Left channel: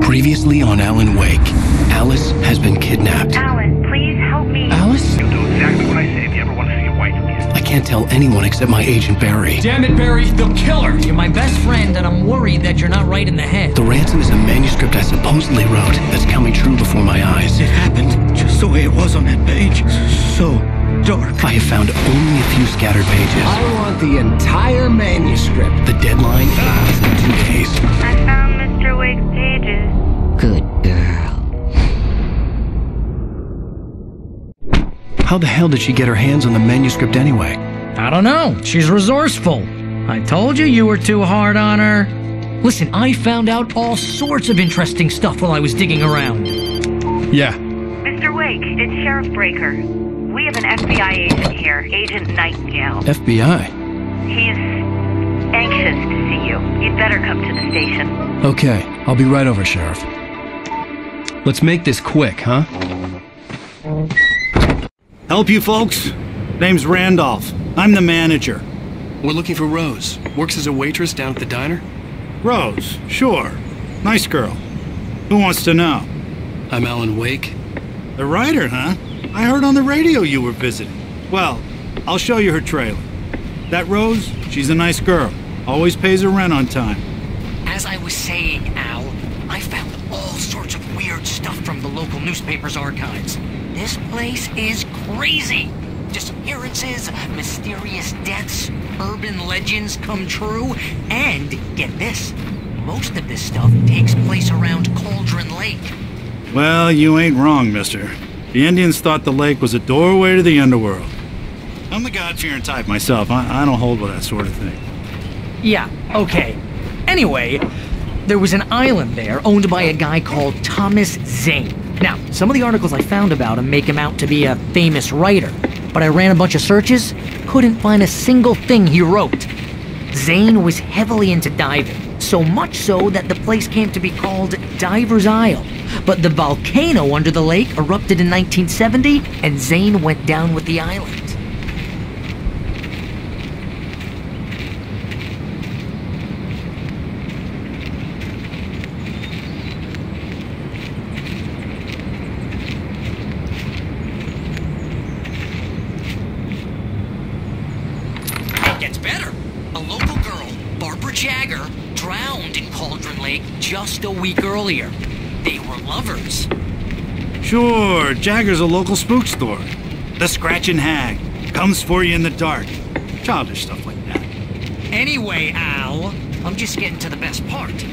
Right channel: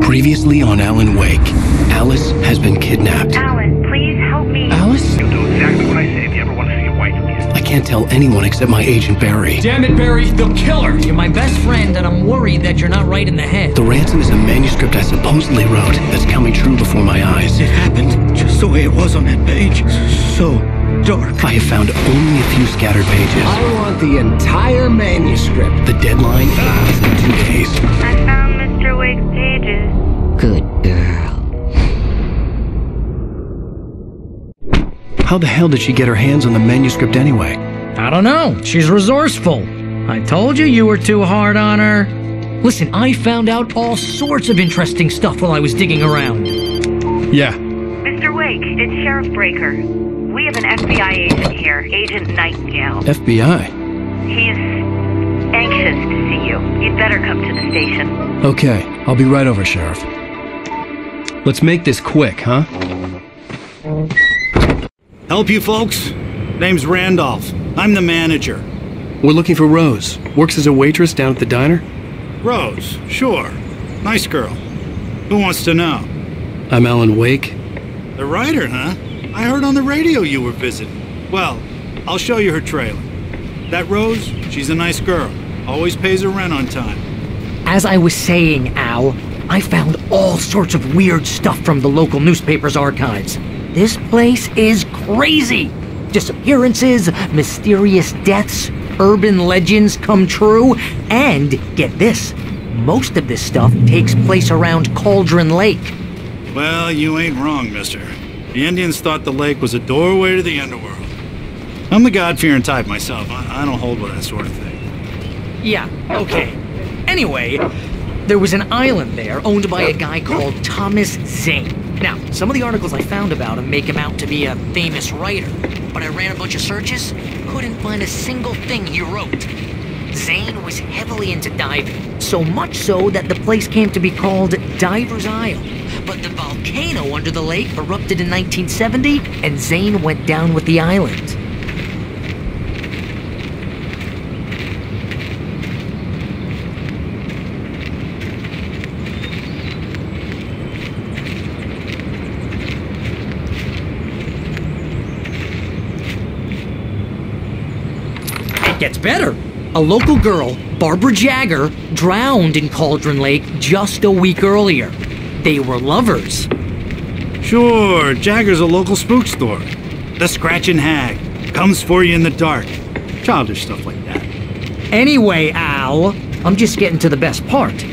Previously on Alan Wake, Alice has been kidnapped. Alan, please help me. Alice? You'll do exactly what I say if you ever want to see your wife again. I can't tell anyone except my agent Barry. Damn it, Barry, they'll kill her! You're my best friend, and I'm worried that you're not right in the head. The ransom is a manuscript I supposedly wrote that's coming true before my eyes. It happened just the way it was on that page. So dark. I have found only a few scattered pages. I want the entire manuscript. The deadline is in 2 days. I found Mr. Wake's pages. Good girl. How the hell did she get her hands on the manuscript anyway? I don't know. She's resourceful. I told you were too hard on her. Listen, I found out all sorts of interesting stuff while I was digging around. Yeah. Mr. Wake, it's Sheriff Breaker. We have an FBI agent here, Agent Nightingale. FBI? He's anxious to see you. You'd better come to the station. Okay, I'll be right over, Sheriff. Let's make this quick, huh? Help you folks? Name's Randolph. I'm the manager. We're looking for Rose. Works as a waitress down at the diner. Rose, sure. Nice girl. Who wants to know? I'm Alan Wake. The writer, huh? I heard on the radio you were visiting. Well, I'll show you her trailer. That Rose, she's a nice girl. Always pays her rent on time. As I was saying, Al, I found all sorts of weird stuff from the local newspaper's archives. This place is crazy. Disappearances, mysterious deaths, urban legends come true, and get this, most of this stuff takes place around Cauldron Lake. Well, you ain't wrong, mister. The Indians thought the lake was a doorway to the underworld. I'm the God-fearing type myself. I don't hold with that sort of thing. Yeah, okay. Anyway, there was an island there owned by a guy called Thomas Zane. Now, some of the articles I found about him make him out to be a famous writer, but I ran a bunch of searches, couldn't find a single thing he wrote. Zane was heavily into diving, so much so that the place came to be called Diver's Isle. But the volcano under the lake erupted in 1970, and Zane went down with the island. Gets better. A local girl, Barbara Jagger, drowned in Cauldron Lake just a week earlier. They were lovers. Sure, Jagger's a local spook store. The Scratchin' Hag. Comes for you in the dark. Childish stuff like that. Anyway, Al, I'm just getting to the best part.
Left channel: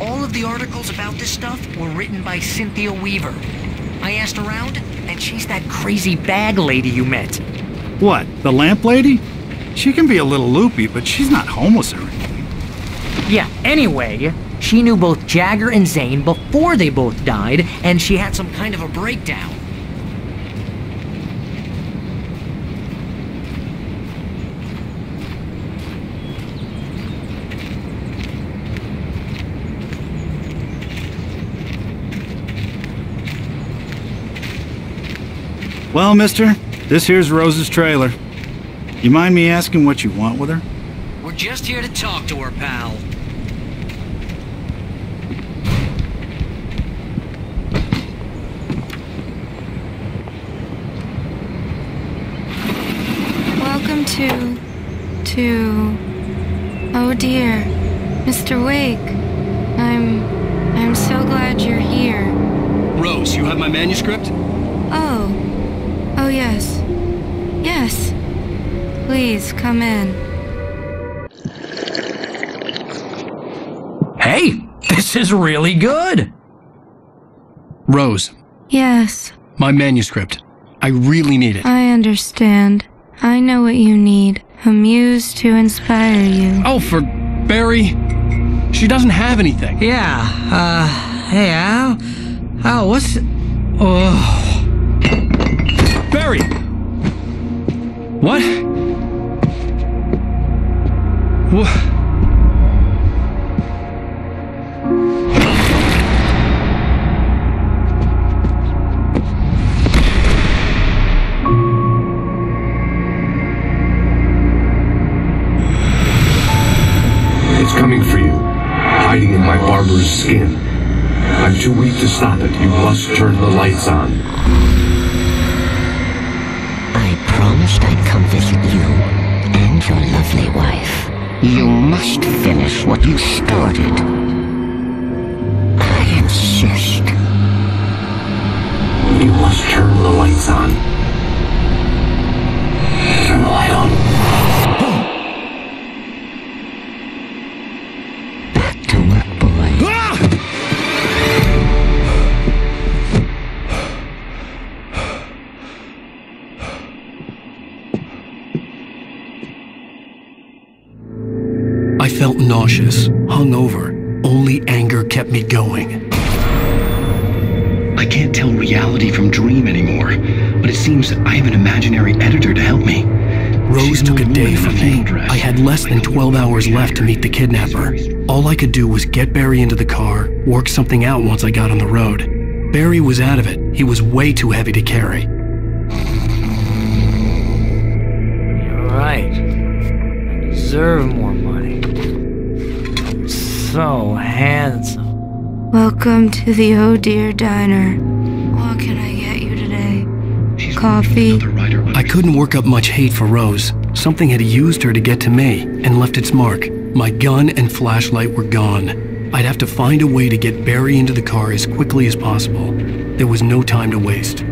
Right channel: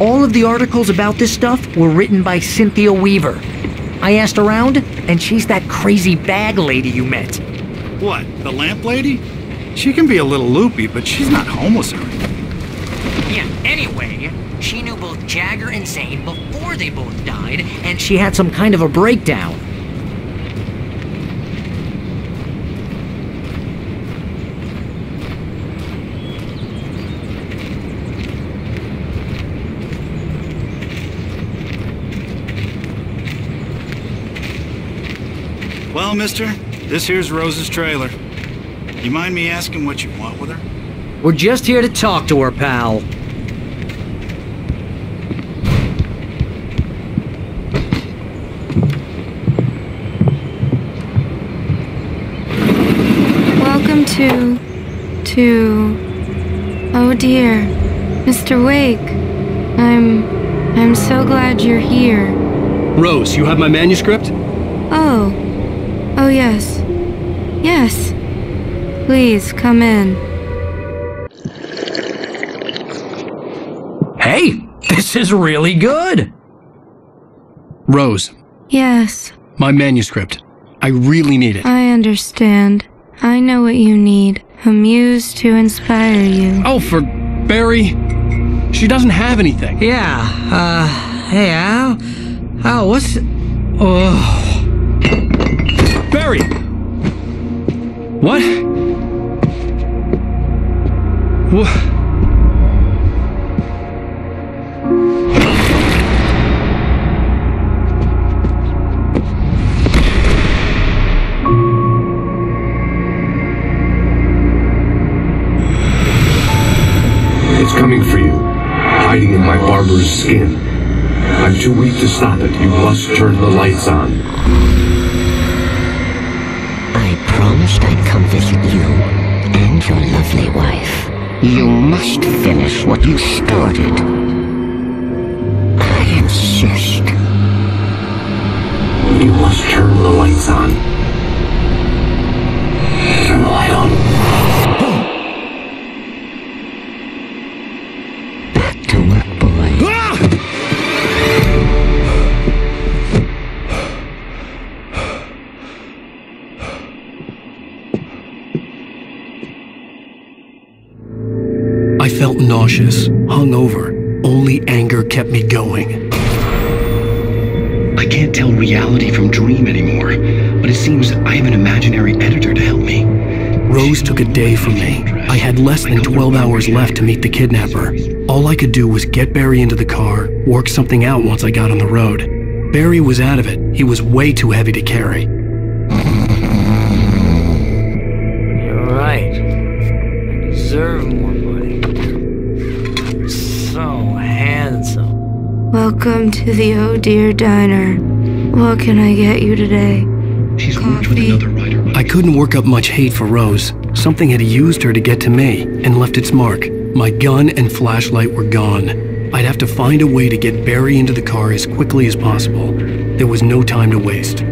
All of the articles about this stuff were written by Cynthia Weaver. I asked around, and she's that crazy bag lady you met. What, the lamp lady? She can be a little loopy, but she's not homeless or anything. Yeah, anyway, she knew both Jagger and Zane before they both died, and she had some kind of a breakdown. Well, mister, this here's Rose's trailer. You mind me asking what you want with her? We're just here to talk to her, pal. Welcome to... Oh dear, Mr. Wake. I'm so glad you're here. Rose, you have my manuscript? Oh. Oh yes. Yes. Please, come in. Hey, this is really good. Rose, Yes, my manuscript. I really need it. I understand. I know what you need. A muse to inspire you. Oh, for Barry. She doesn't have anything. Yeah, hey, Al? Al, what's... Oh... Barry! What? What? It's coming for you, hiding in my barber's skin. I'm too weak to stop it. You must turn the lights on. I promised I'd come visit you and your lovely wife. You must finish what you started. I insist. You must turn the lights on. Turn the light on. Back to work, boy. I felt nauseous, hungover. Only anger kept me going. I can't tell reality from dream anymore, but it seems I have an imaginary editor to help me. Rose took a day from me. I had less than 12 hours left to meet the kidnapper. All I could do was get Barry into the car, work something out once I got on the road. Barry was out of it. He was way too heavy to carry. You're right. I deserve more money. You're so handsome. Welcome to the Oh Dear Diner. What can I get you today? Coffee? I couldn't work up much hate for Rose. Something had used her to get to me and left its mark. My gun and flashlight were gone. I'd have to find a way to get Barry into the car as quickly as possible. There was no time to waste.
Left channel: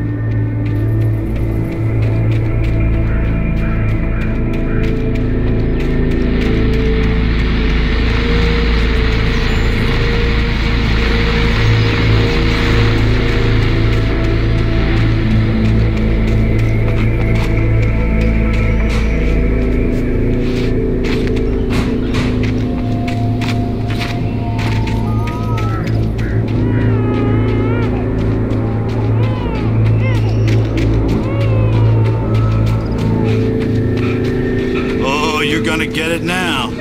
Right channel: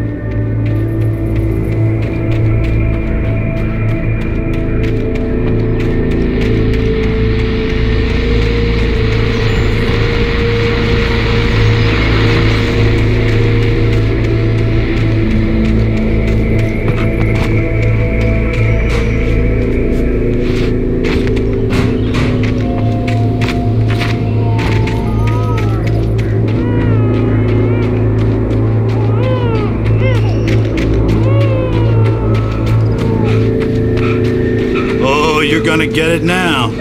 Oh, you're gonna get it now.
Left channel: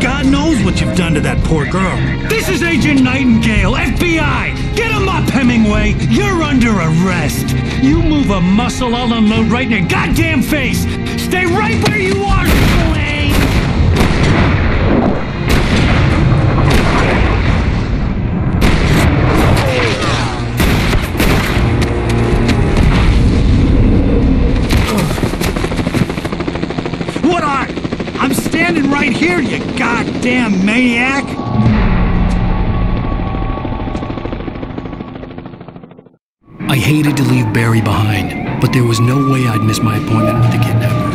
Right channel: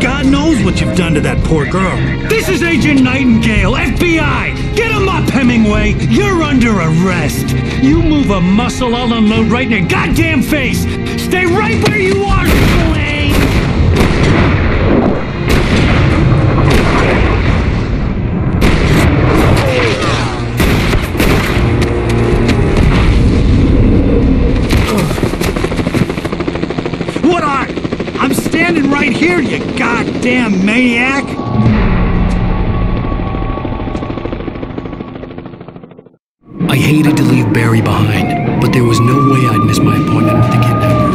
God knows what you've done to that poor girl. This is Agent Nightingale, FBI! Get him up, Hemingway! You're under arrest! You move a muscle, I'll unload right in your goddamn face! Stay right where you are, Blaine! What are? I'm standing right here, you goddamn maniac! I hated to leave Barry behind, but there was no way I'd miss my appointment with the kidnapper.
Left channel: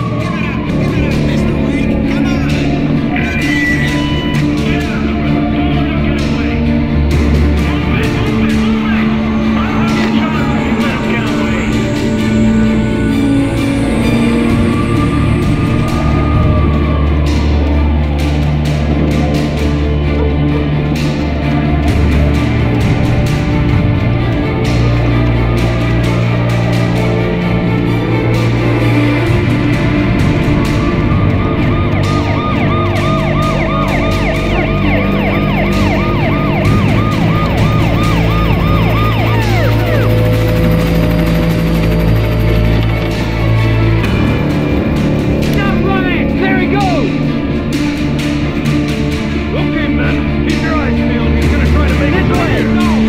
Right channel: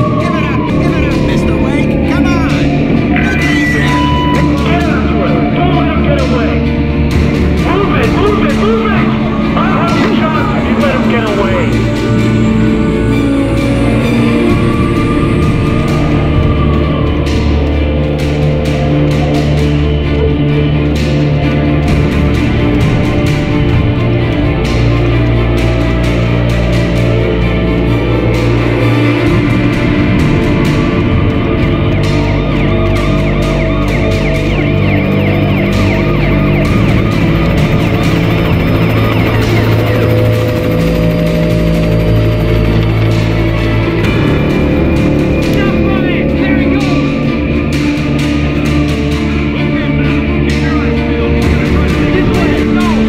Okay, men, keep your eyes peeled. He's gonna try to make it clear. Go!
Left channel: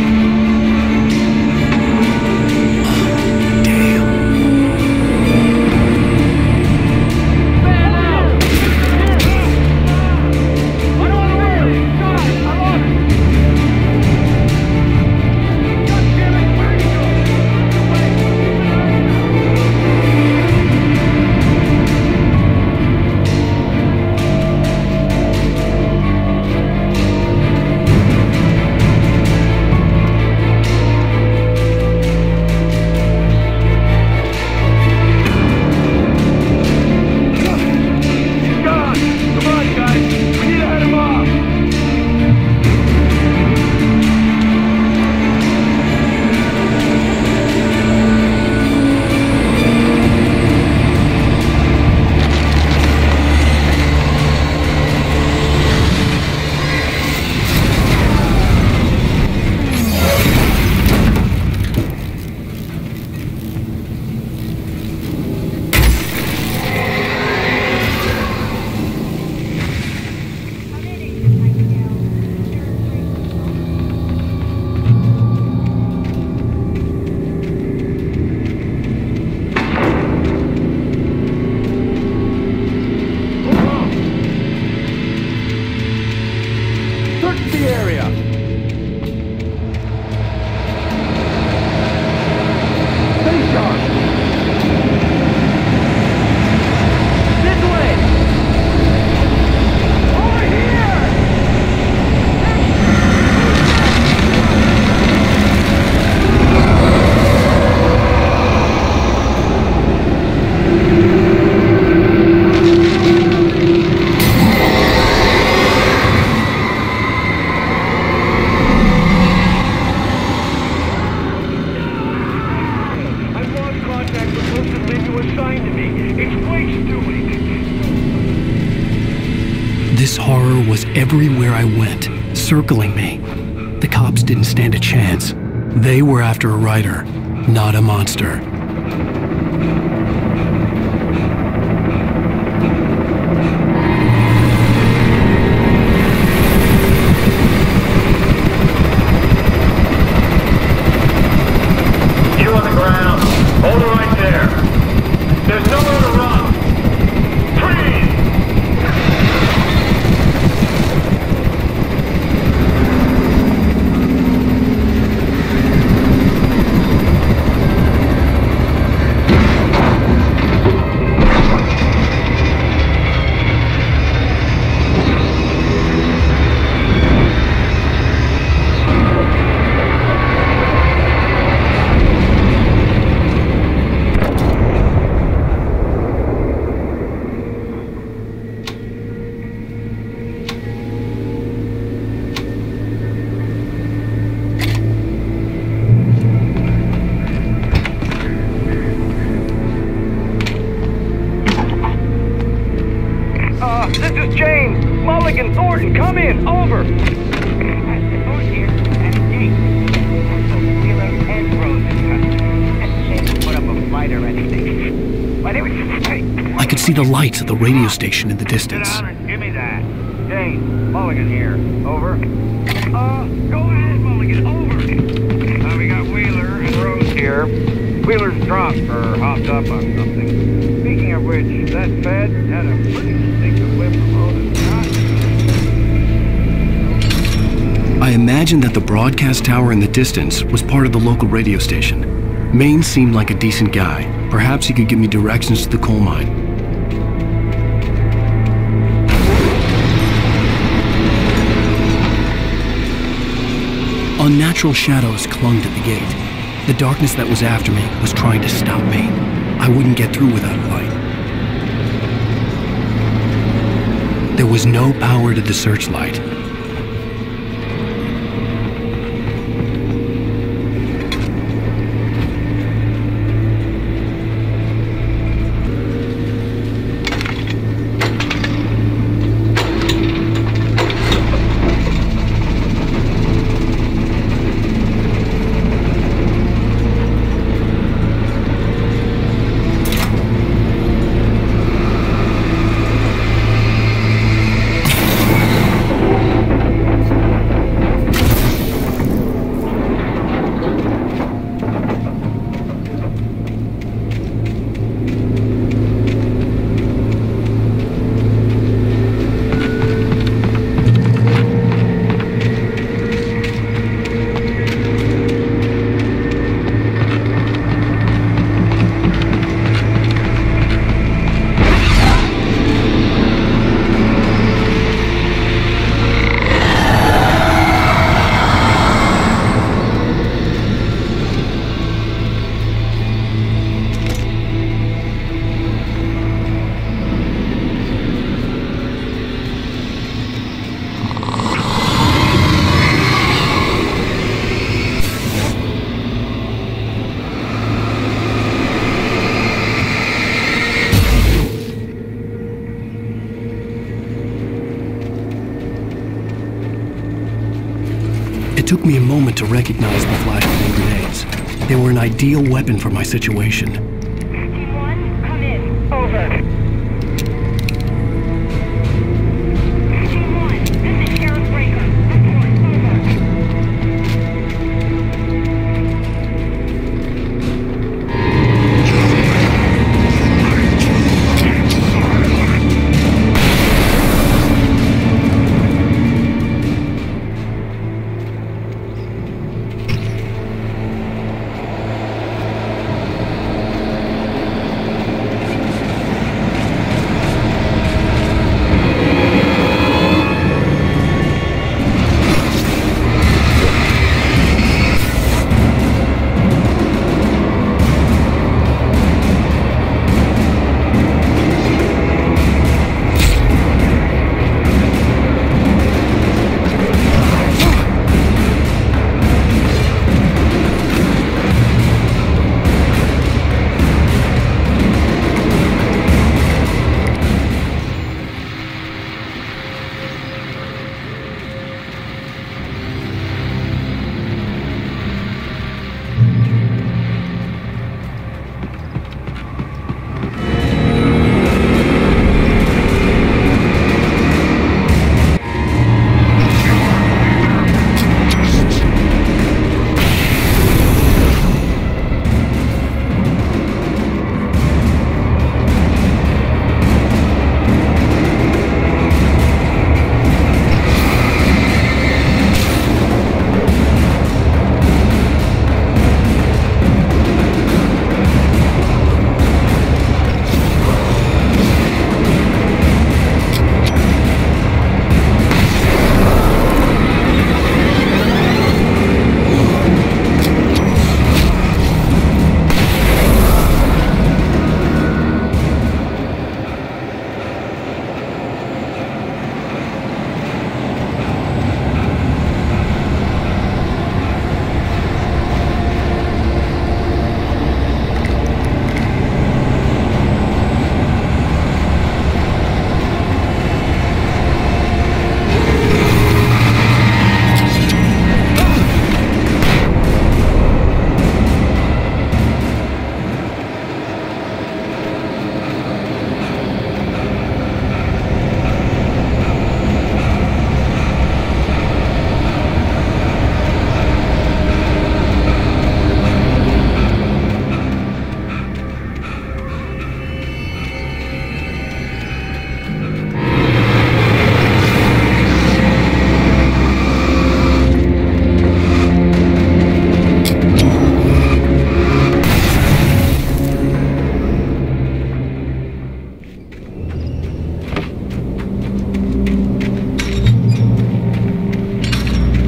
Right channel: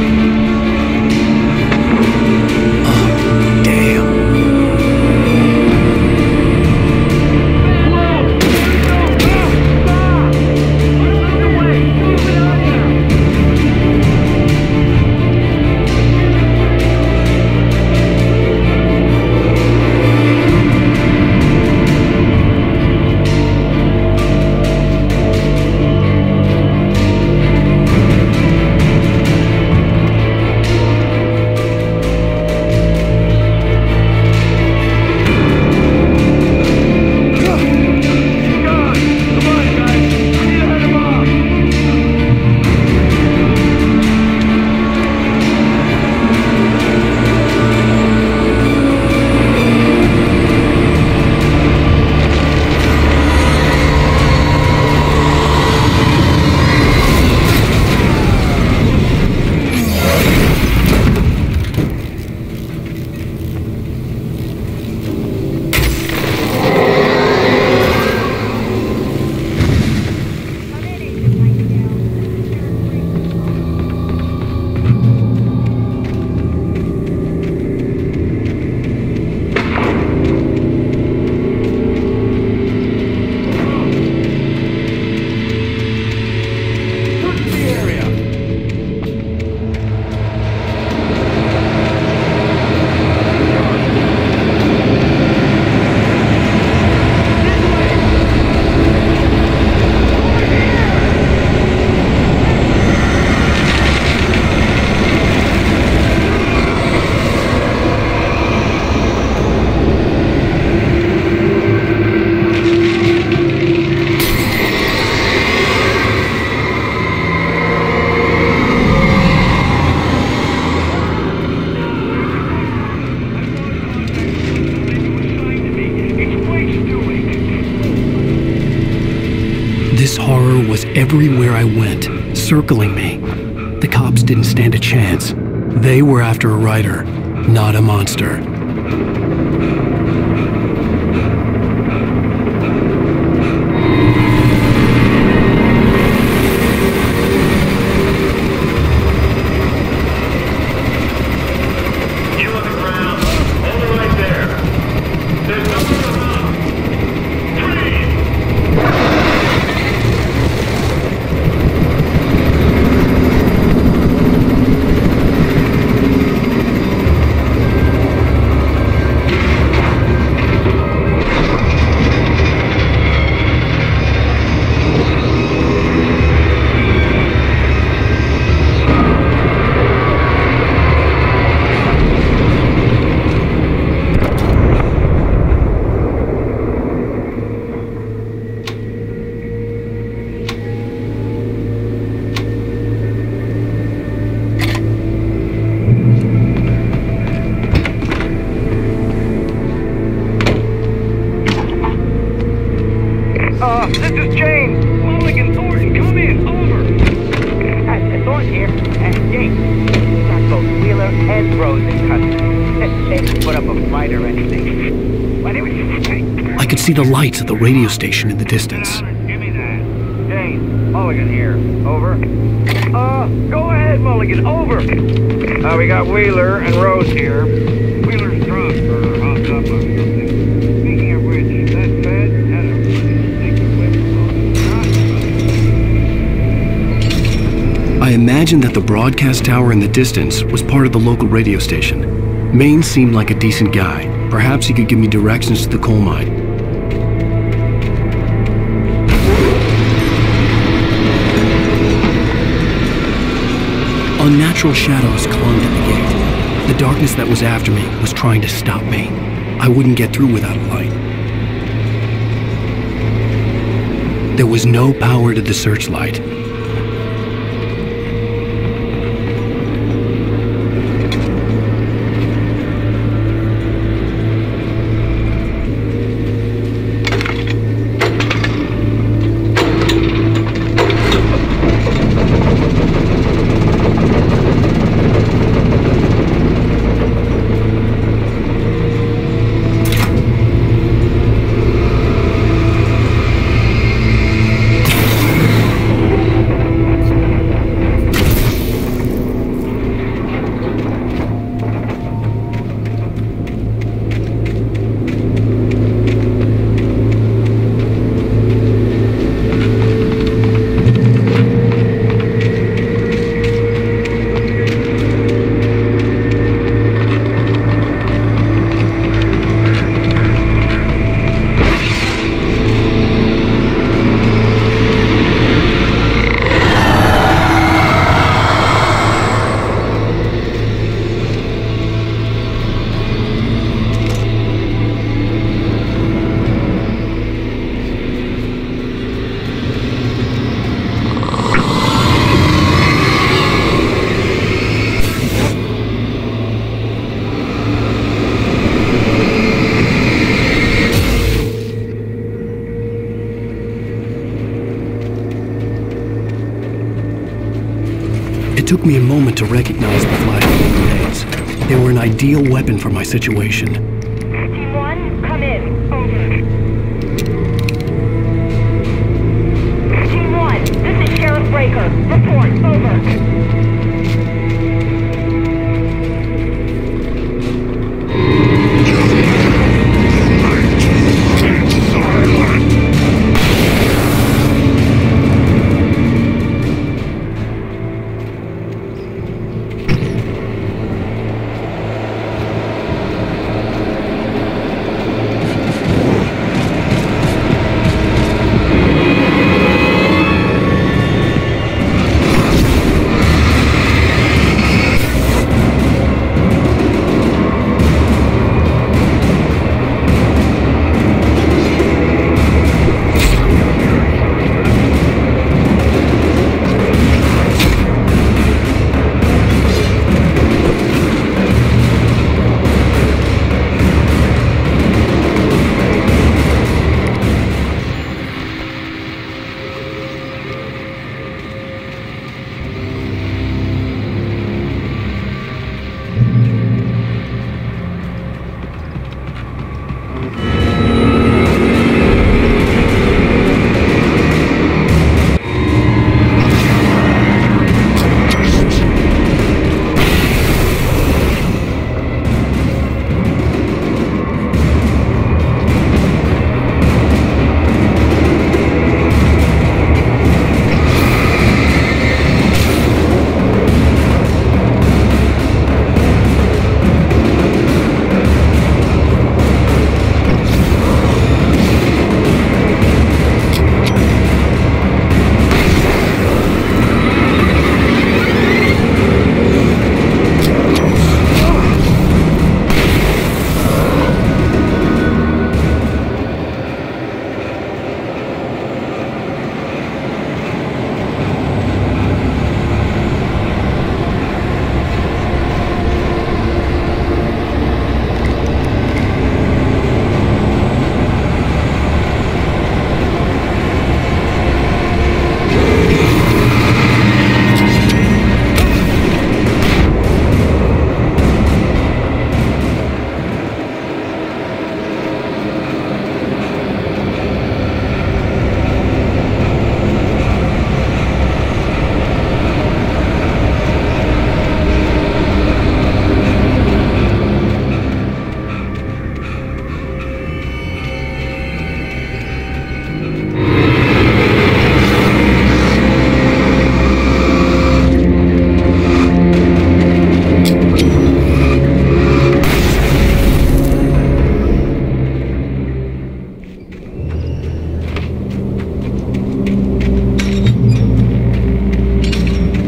Oh, damn. Man out! Search the area! Stay sharp! This way! Over here! This horror was everywhere I went, circling me. The cops didn't stand a chance. They were after a writer, not a monster. You on the ground. Hold it right there. There's nowhere to run. Freeze! This is James. Mulligan, Thornton, come in. Over. Thornton here. James, we got both Wheeler and Rose in custody. They didn't put up a fight or anything. Why, they were... I could see the lights at the radio station in the distance. Sit down and give me that. James, Mulligan here. Over. Go ahead, Mulligan. Over. We got Wheeler and Rose here. Wheeler's dropped or hopped up on something. Speaking of which, that Fed had a pretty distinctive whip from Otis. I imagined that the broadcast tower in the distance was part of the local radio station. Maine seemed like a decent guy. Perhaps he could give me directions to the coal mine. Unnatural shadows clung to the gate. The darkness that was after me was trying to stop me. I wouldn't get through without a light. There was no power to the searchlight. It took me a moment to recognize the flashbang grenades. They were an ideal weapon for my situation. Team 1, come in. Over. Team 1, this is Sheriff Breaker. Report. Over.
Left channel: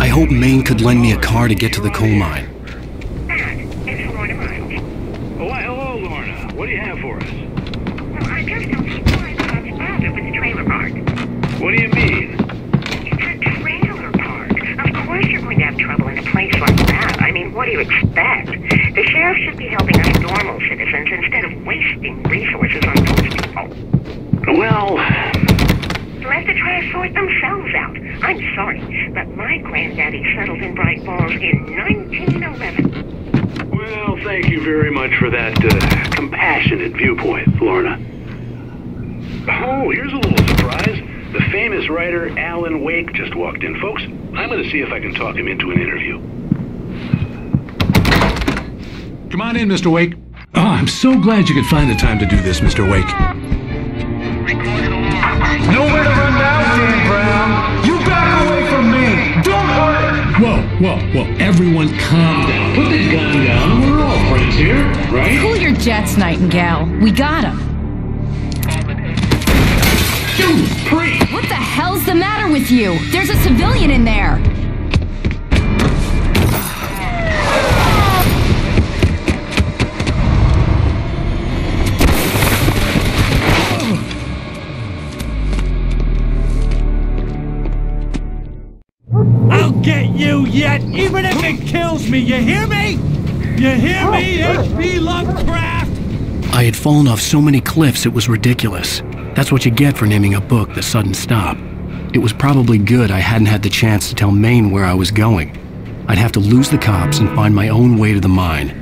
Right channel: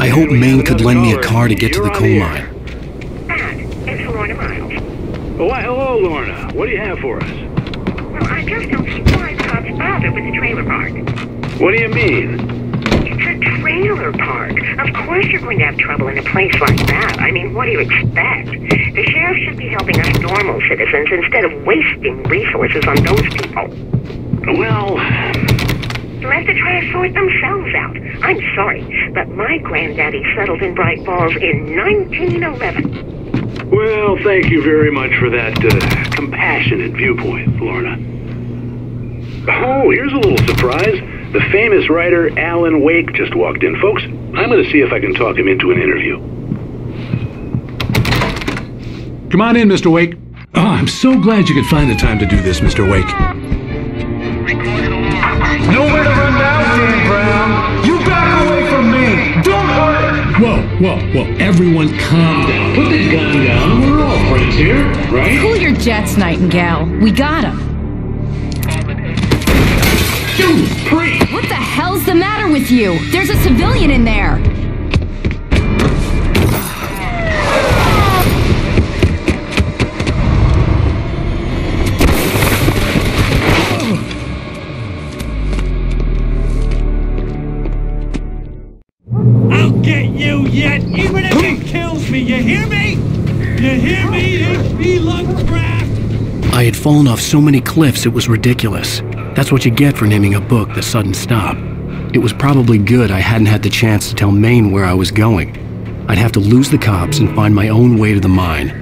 I hoped Maine could lend me a car to get to the coal mine. It's Lorna Miles. Oh, hello, Lorna. What do you have for us? Well, I just don't see why Bob's bothered with the trailer park. What do you mean? It's a trailer park. Of course you're going to have trouble in a place like that. I mean, what do you expect? The sheriff should be helping us normal citizens instead of wasting resources on those people. Well... Let the trash sort themselves out. I'm sorry, but my granddaddy settled in Bright Falls in 1911. Well, thank you very much for that compassionate viewpoint, Lorna. Oh, here's a little surprise. The famous writer Alan Wake just walked in. Folks, I'm going to see if I can talk him into an interview. Come on in, Mr. Wake. Oh, I'm so glad you could find the time to do this, Mr. Wake. Nowhere to run now, Dan Brown. You back away from me. Don't hurt her. Whoa. Everyone calm down. Put the gun down. We're all friends here, right? Cool your jets, Nightingale. We got him. Dude, Pre! What the hell's the matter with you? There's a civilian in there. I'll get you yet, even if it kills me. You hear me? You hear me, H.P. Lovecraft? I had fallen off so many cliffs it was ridiculous. That's what you get for naming a book The Sudden Stop. It was probably good I hadn't had the chance to tell Maine where I was going. I'd have to lose the cops and find my own way to the mine.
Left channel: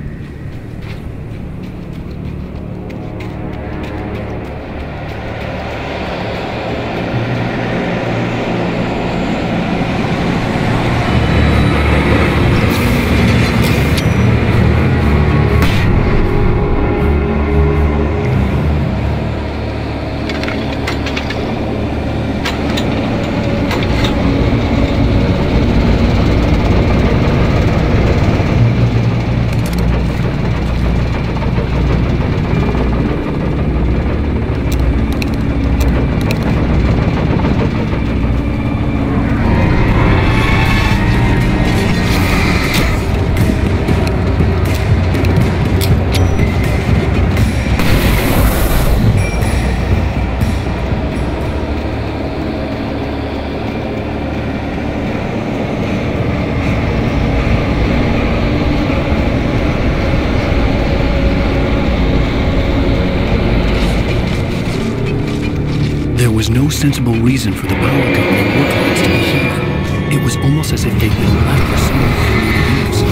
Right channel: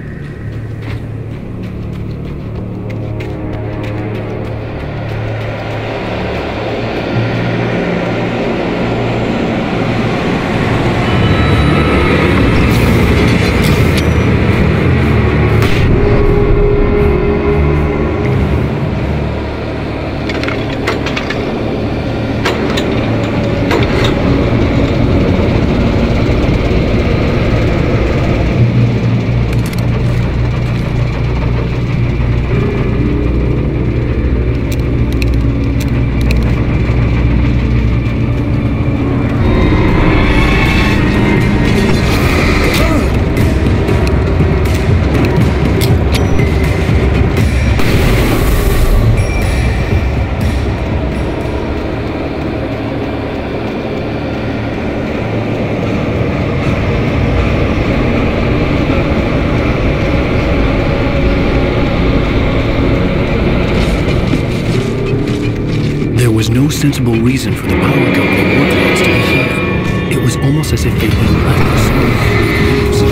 There was no sensible reason for the power company workloads to be here. It was almost as if they'd been left for someone like me to use.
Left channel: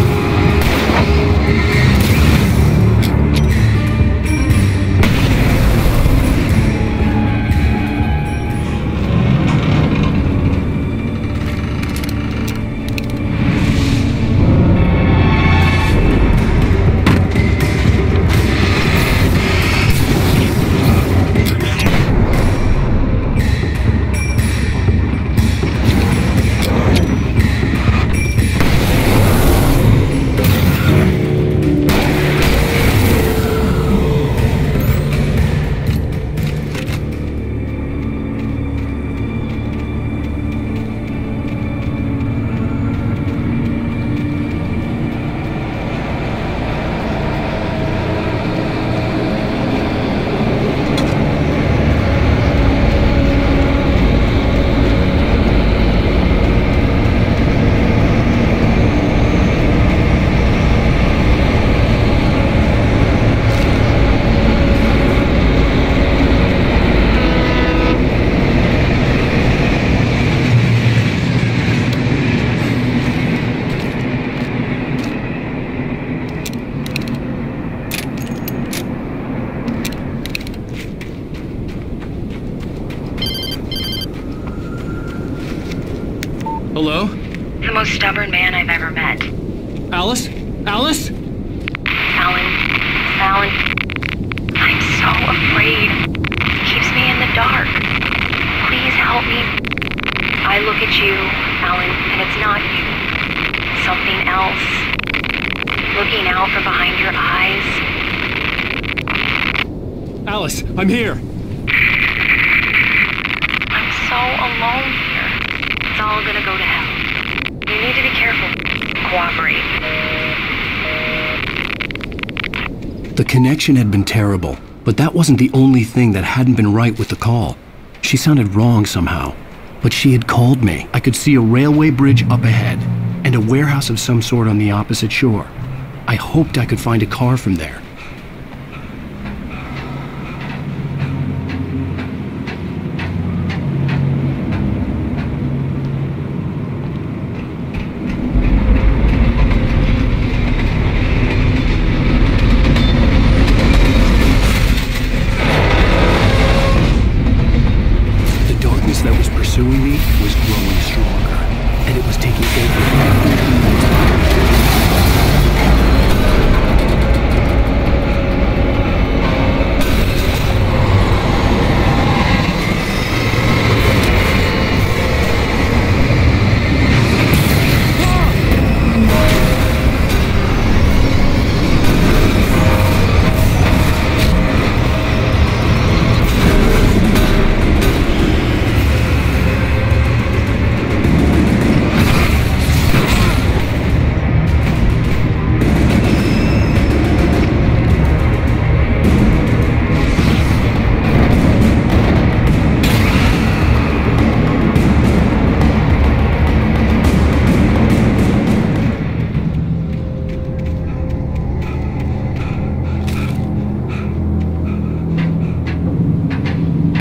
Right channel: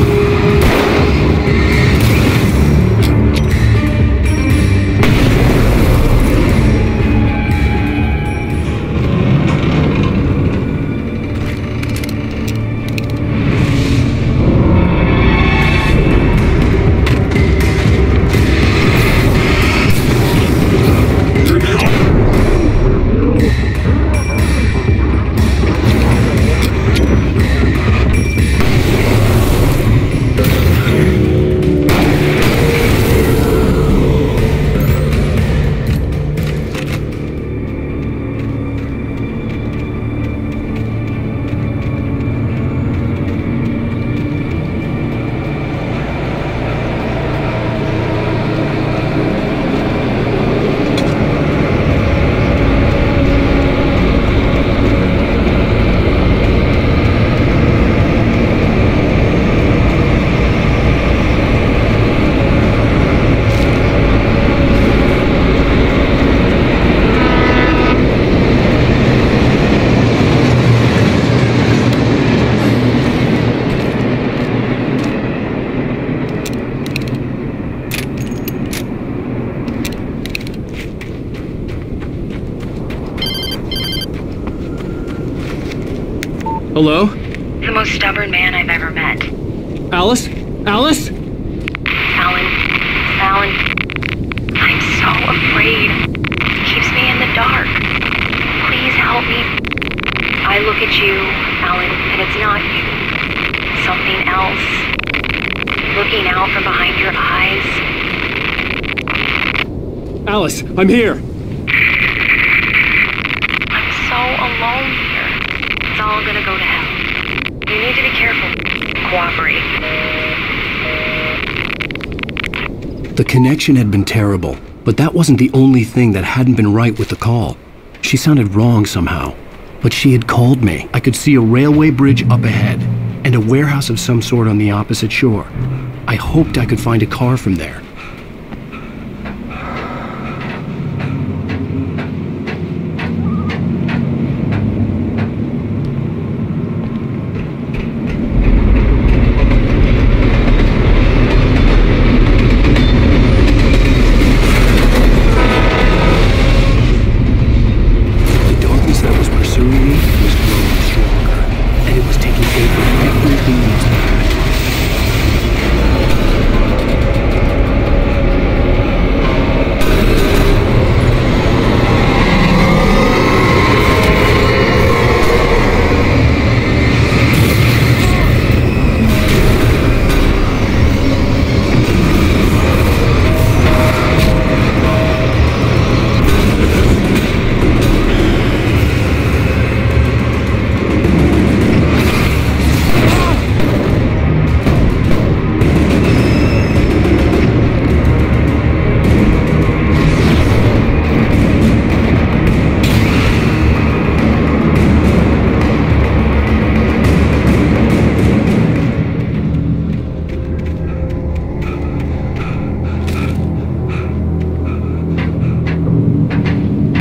Hello? The most stubborn man I've ever met. Alice? Alice? Alan. I'm so afraid. It keeps me in the dark. Please help me. I look at you, Alan, and it's not you. Something else. Looking out from behind your eyes. Alice, I'm here. I'm so alone here. It's all gonna go to hell. You need to be The connection had been terrible, but that wasn't the only thing that hadn't been right with the call. She sounded wrong somehow, but she had called me. I could see a railway bridge up ahead, and a warehouse of some sort on the opposite shore. I hoped I could find a car from there. That was pursuing me was growing stronger, and it was taking over everything that's behind me.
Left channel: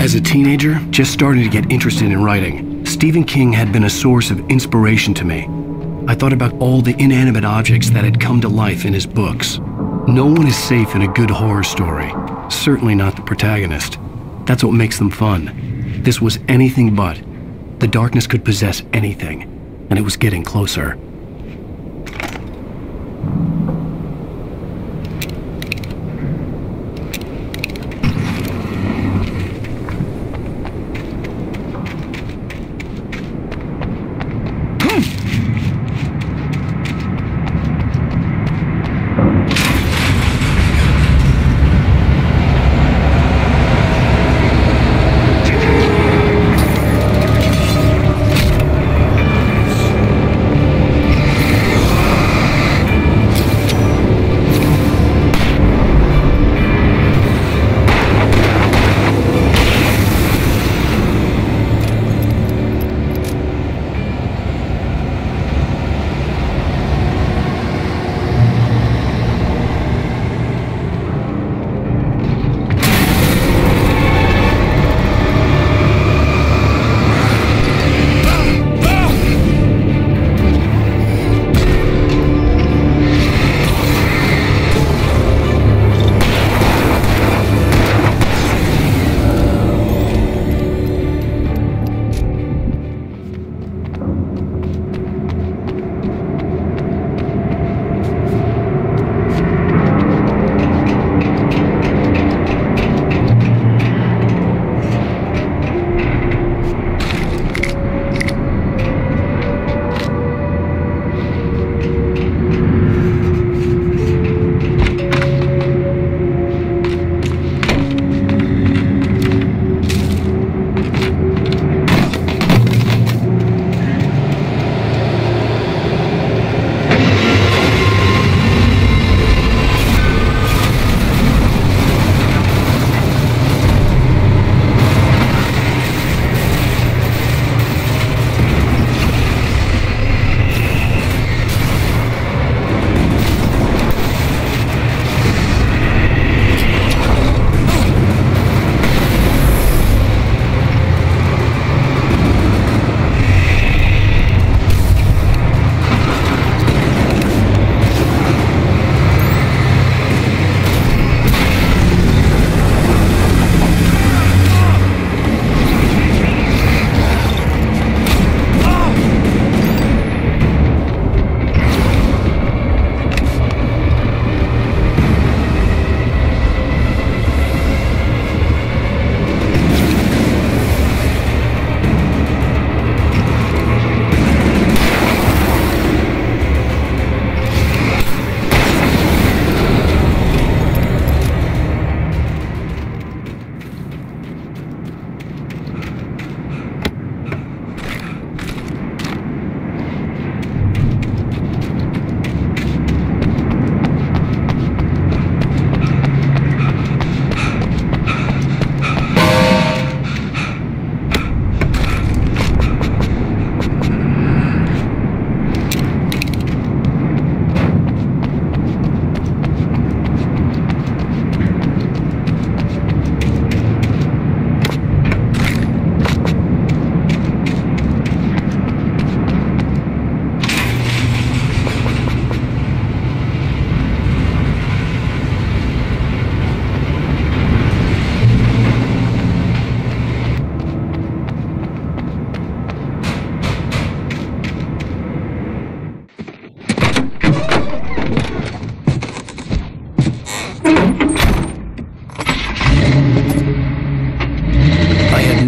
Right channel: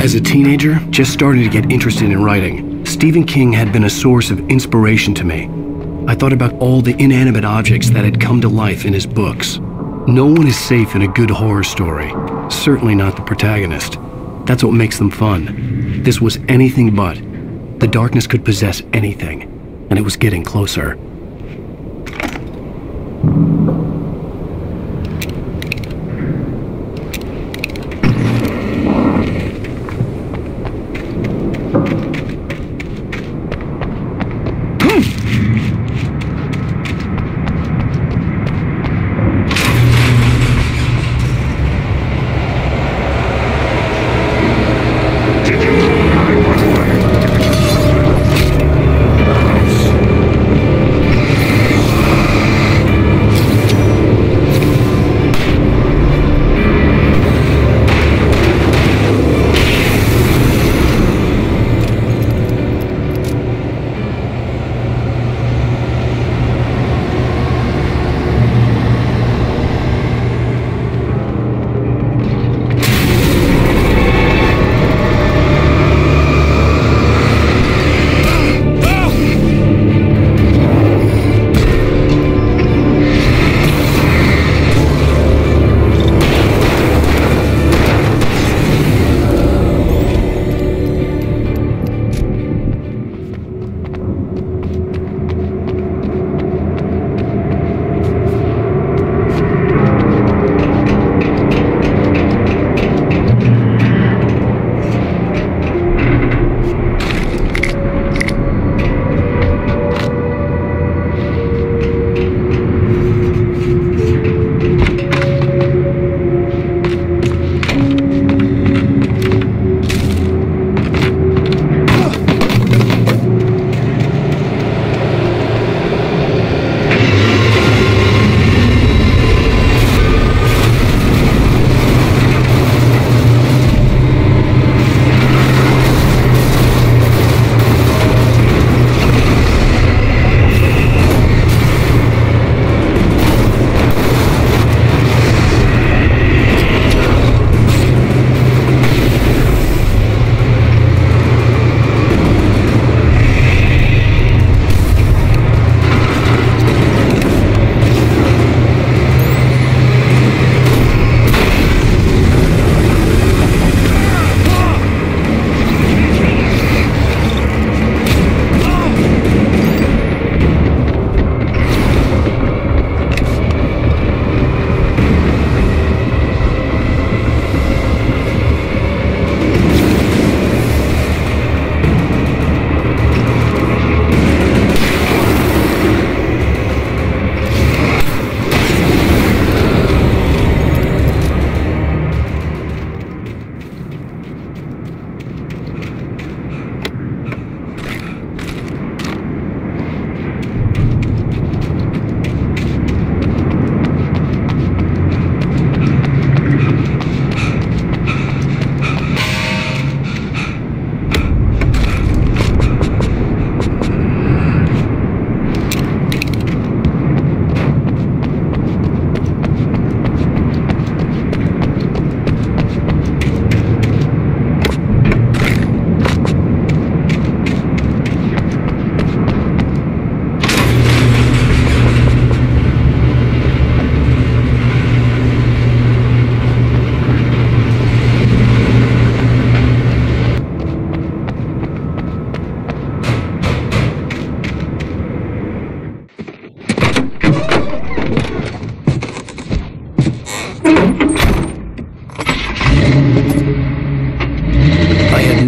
As a teenager, just starting to get interested in writing, Stephen King had been a source of inspiration to me. I thought about all the inanimate objects that had come to life in his books. No one is safe in a good horror story, certainly not the protagonist. That's what makes them fun. This was anything but. The darkness could possess anything, and it was getting closer.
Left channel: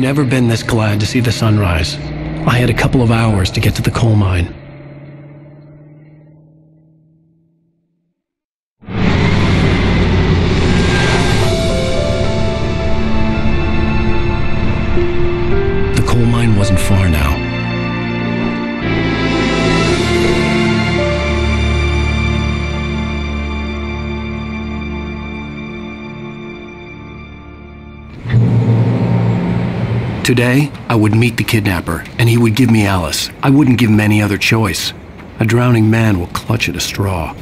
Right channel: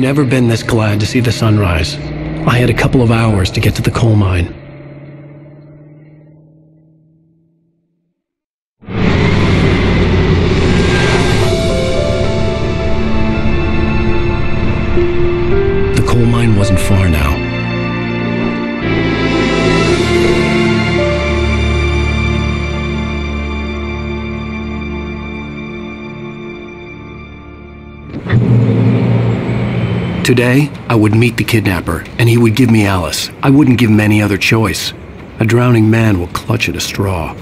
never been this glad to see the sunrise. I had a couple of hours to get to the coal mine. The coal mine wasn't far now. Today, I would meet the kidnapper, and he would give me Alice. I wouldn't give him any other choice. A drowning man will clutch at a straw.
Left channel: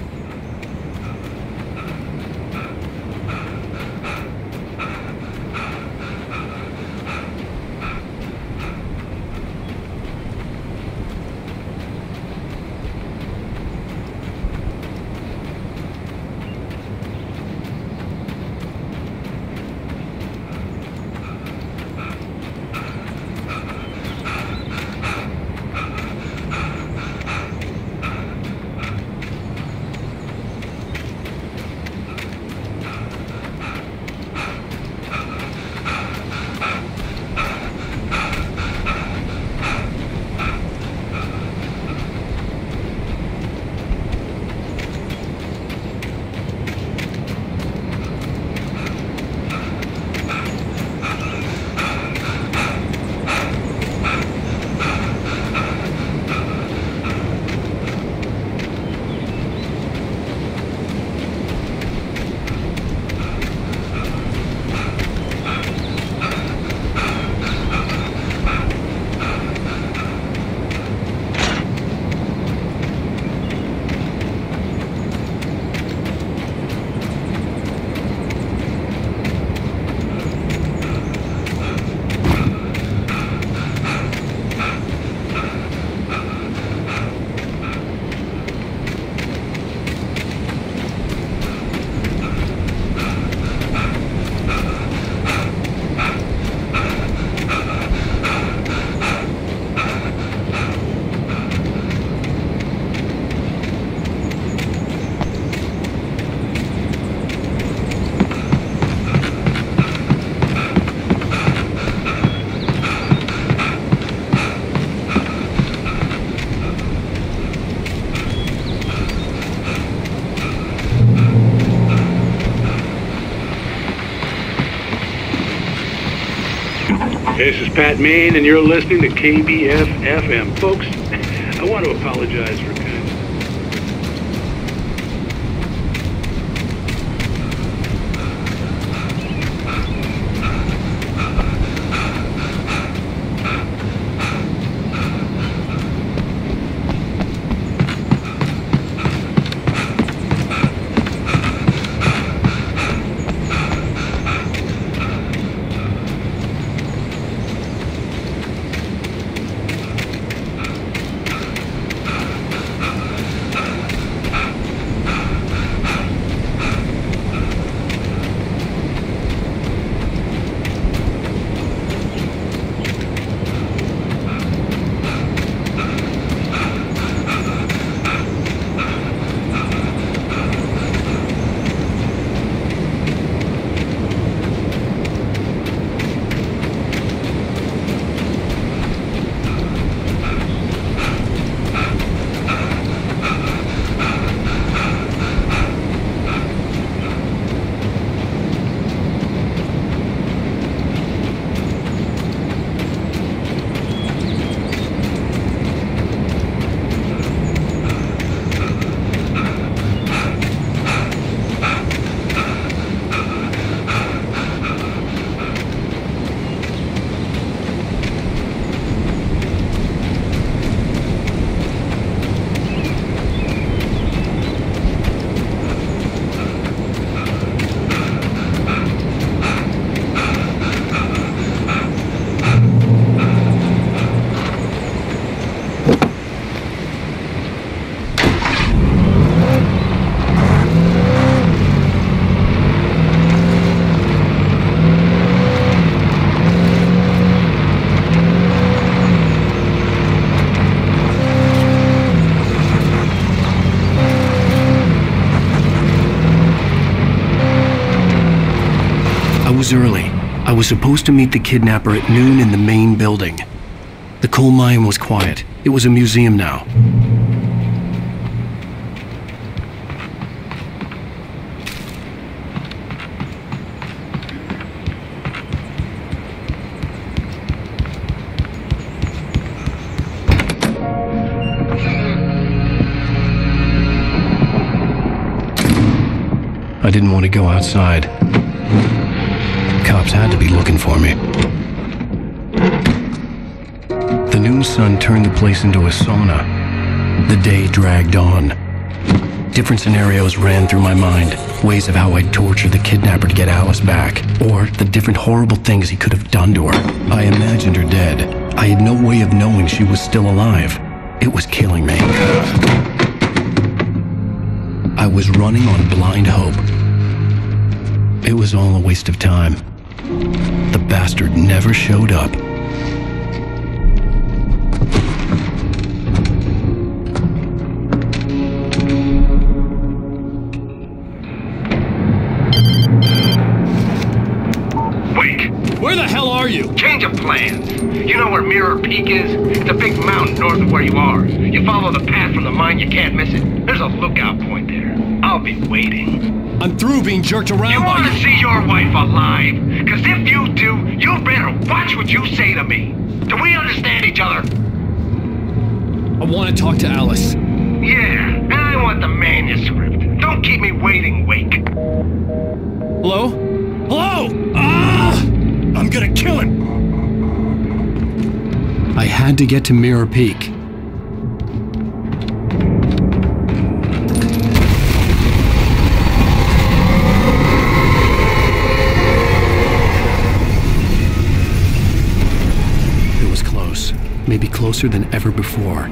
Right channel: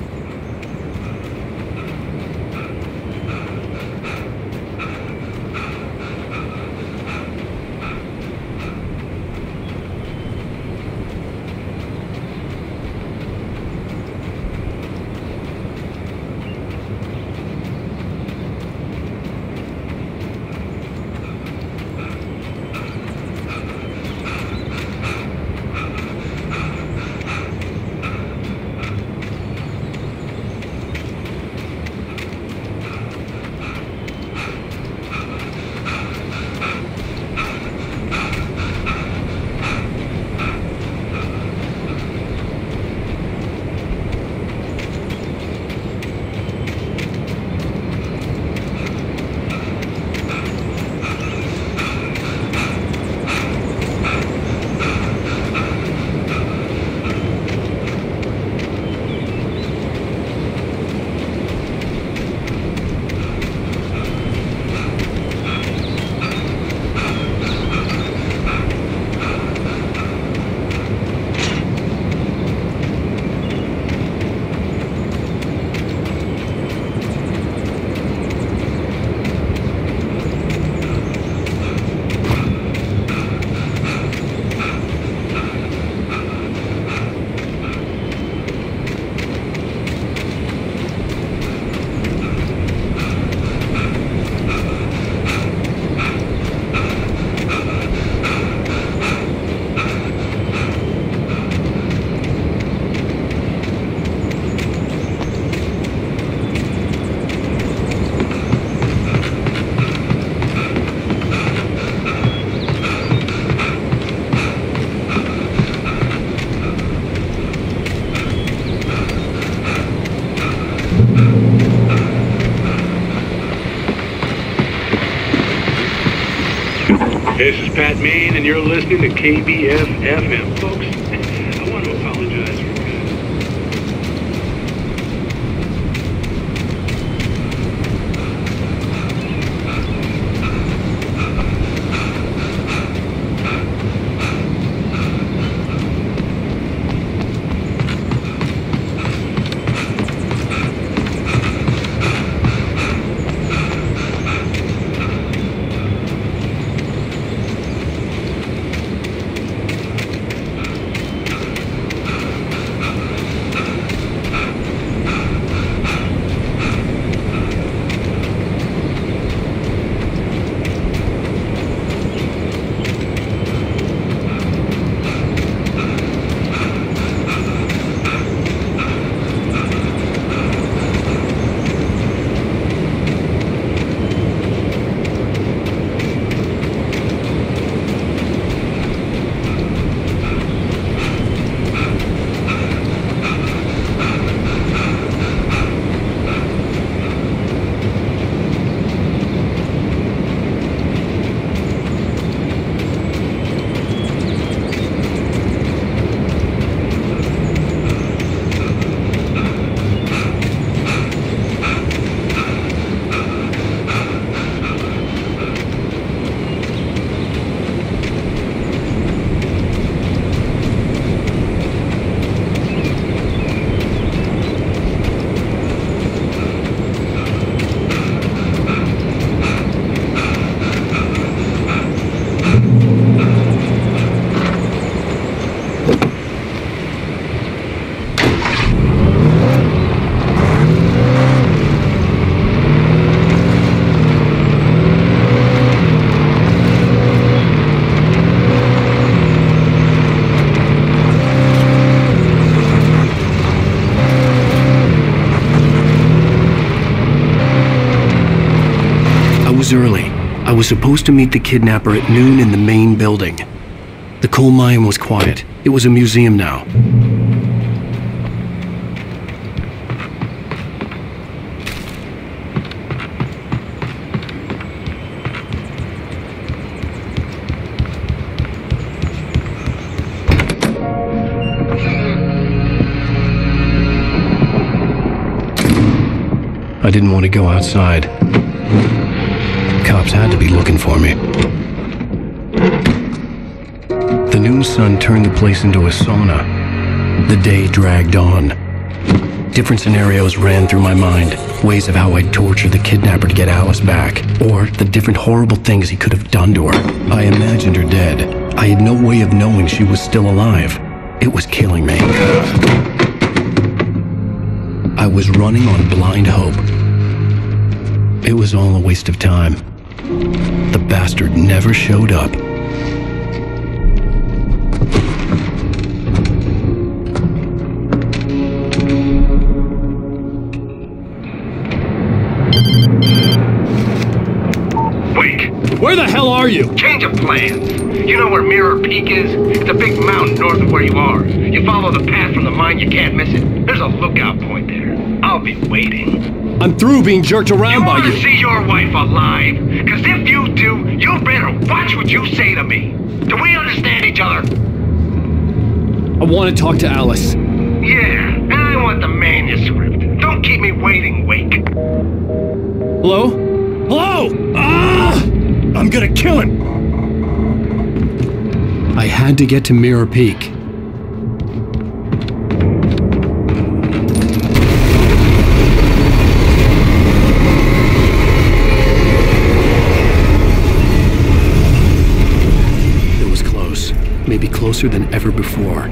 This is Pat Main, and you're listening to KBF-FM. Folks, I want to apologize for kind of... was early. I was supposed to meet the kidnapper at noon in the main building. The coal mine was quiet. It was a museum now. I didn't want to go outside. Cops had to be looking for me. The noon sun turned the place into a sauna. The day dragged on. Different scenarios ran through my mind. Ways of how I'd torture the kidnapper to get Alice back. Or the different horrible things he could have done to her. I imagined her dead. I had no way of knowing she was still alive. It was killing me. I was running on blind hope. It was all a waste of time. The bastard never showed up. Wake! Where the hell are you? Change of plans. You know where Mirror Peak is? It's a big mountain north of where you are. You follow the path from the mine, you can't miss it. There's a lookout point there. I'll be waiting. I'm through being jerked around by you. You want to see your wife alive? Because if you do, you better watch what you say to me. Do we understand each other? I want to talk to Alice. Yeah, and I want the manuscript. Don't keep me waiting, Wake. Hello? Hello! Ah! I'm gonna kill him! I had to get to Mirror Peak. It was close. Maybe closer than ever before.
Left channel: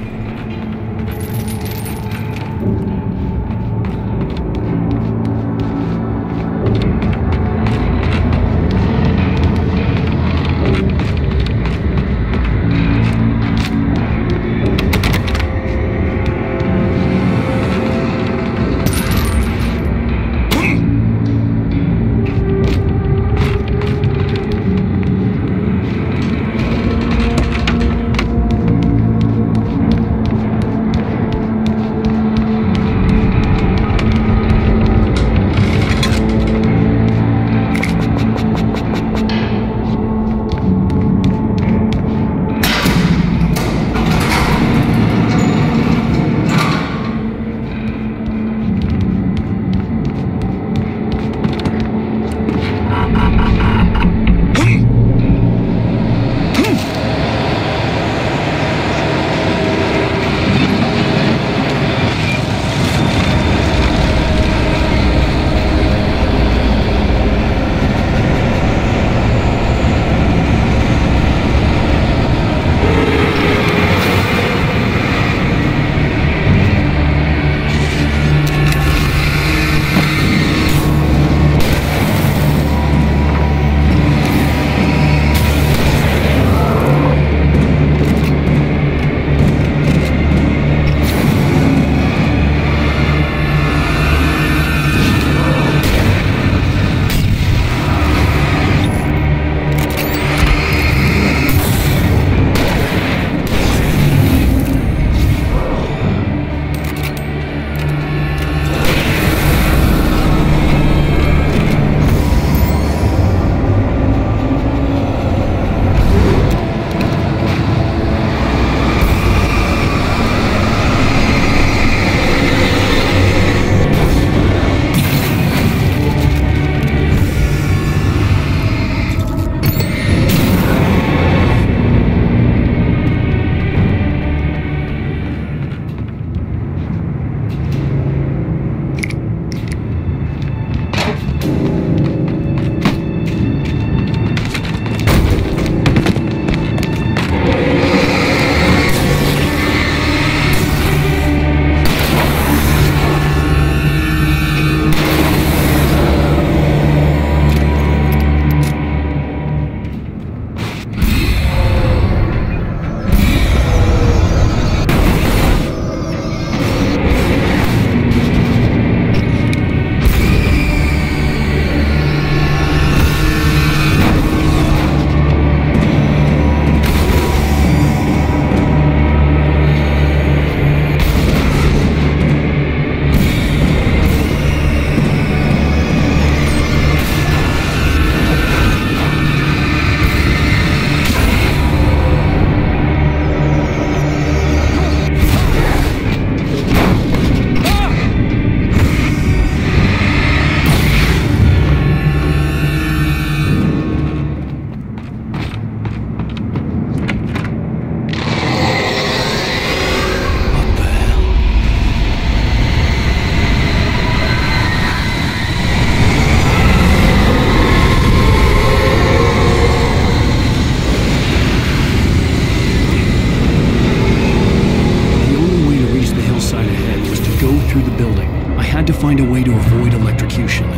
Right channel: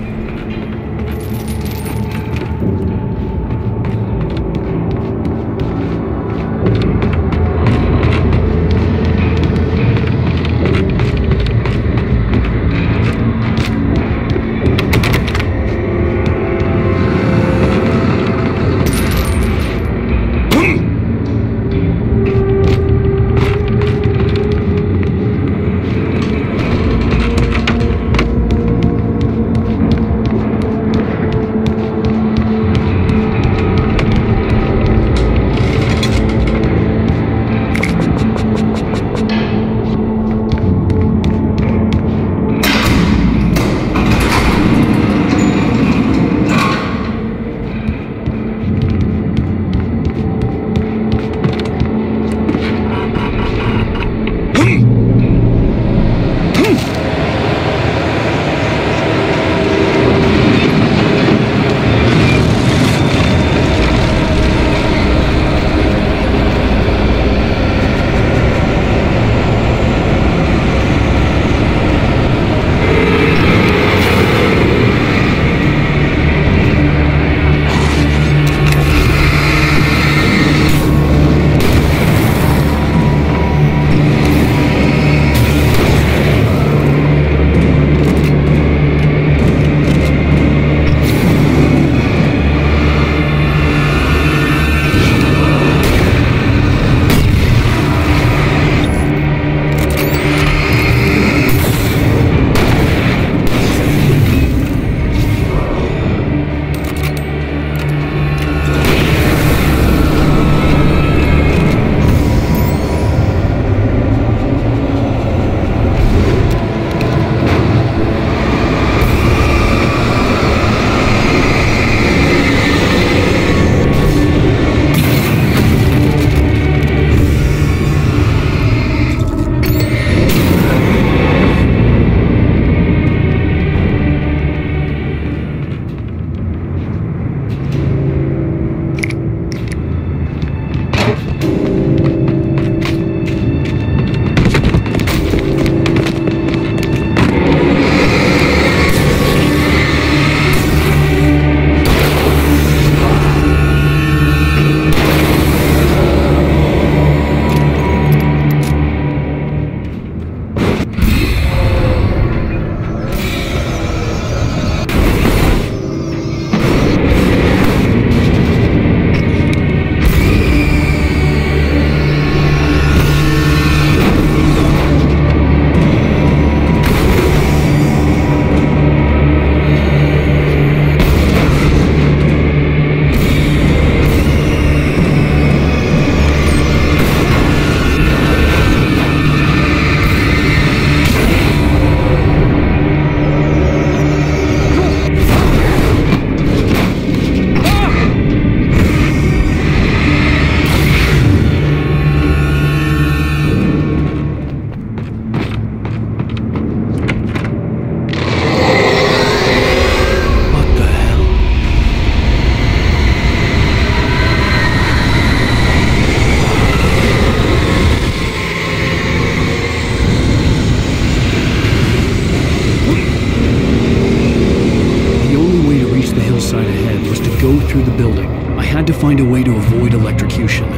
the hillside ahead was to go through the building. I had to find a way to avoid electrocution.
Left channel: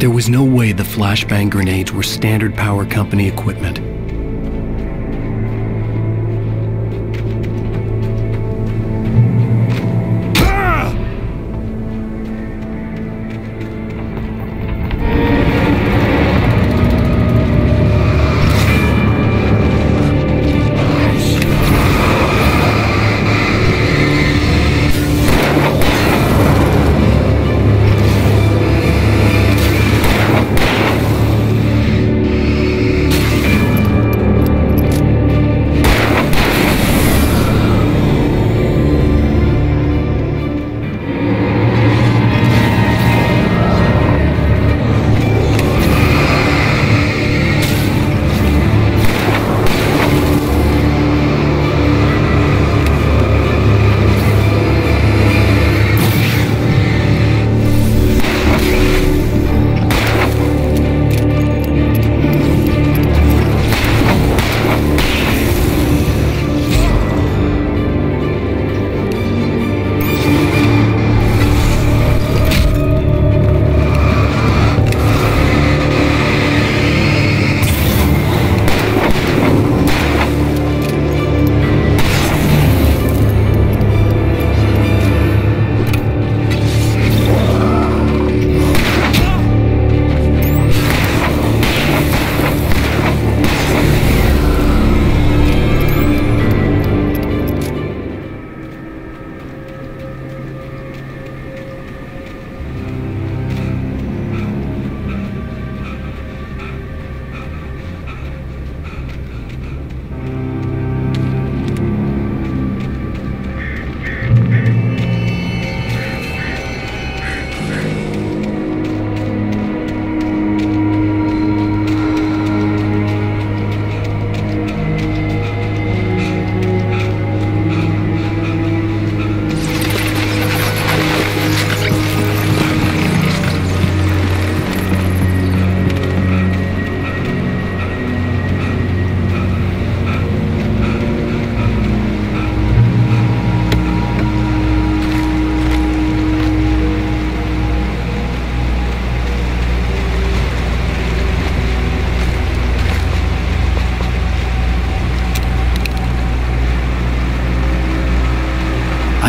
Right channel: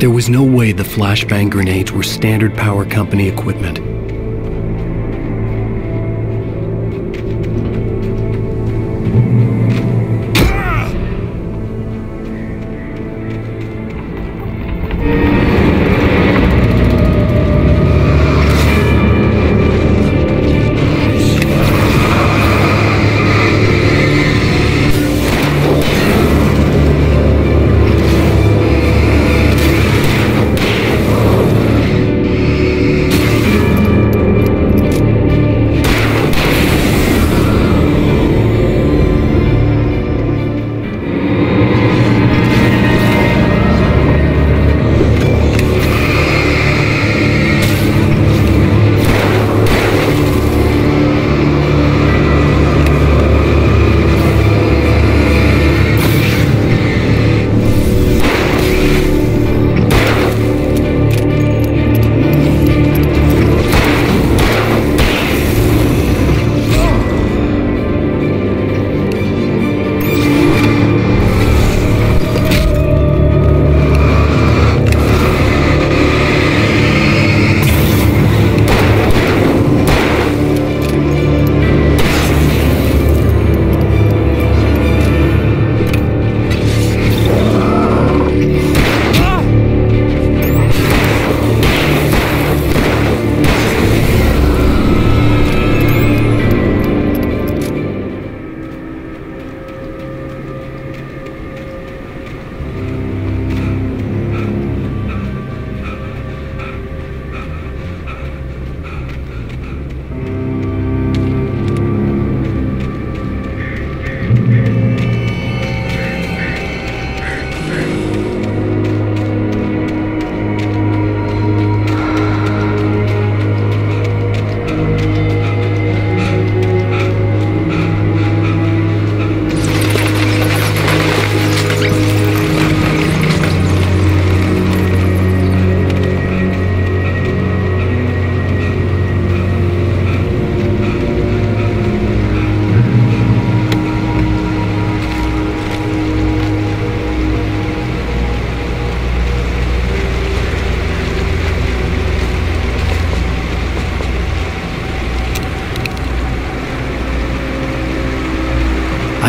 There was no way the flashbang grenades were standard power company equipment.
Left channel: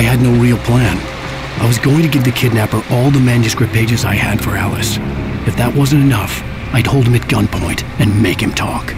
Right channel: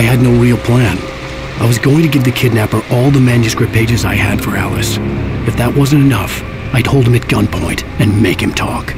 I had no real plan. I was going to give the kidnapper all the manuscript pages I had for Alice. If that wasn't enough, I'd hold him at gunpoint and make him talk.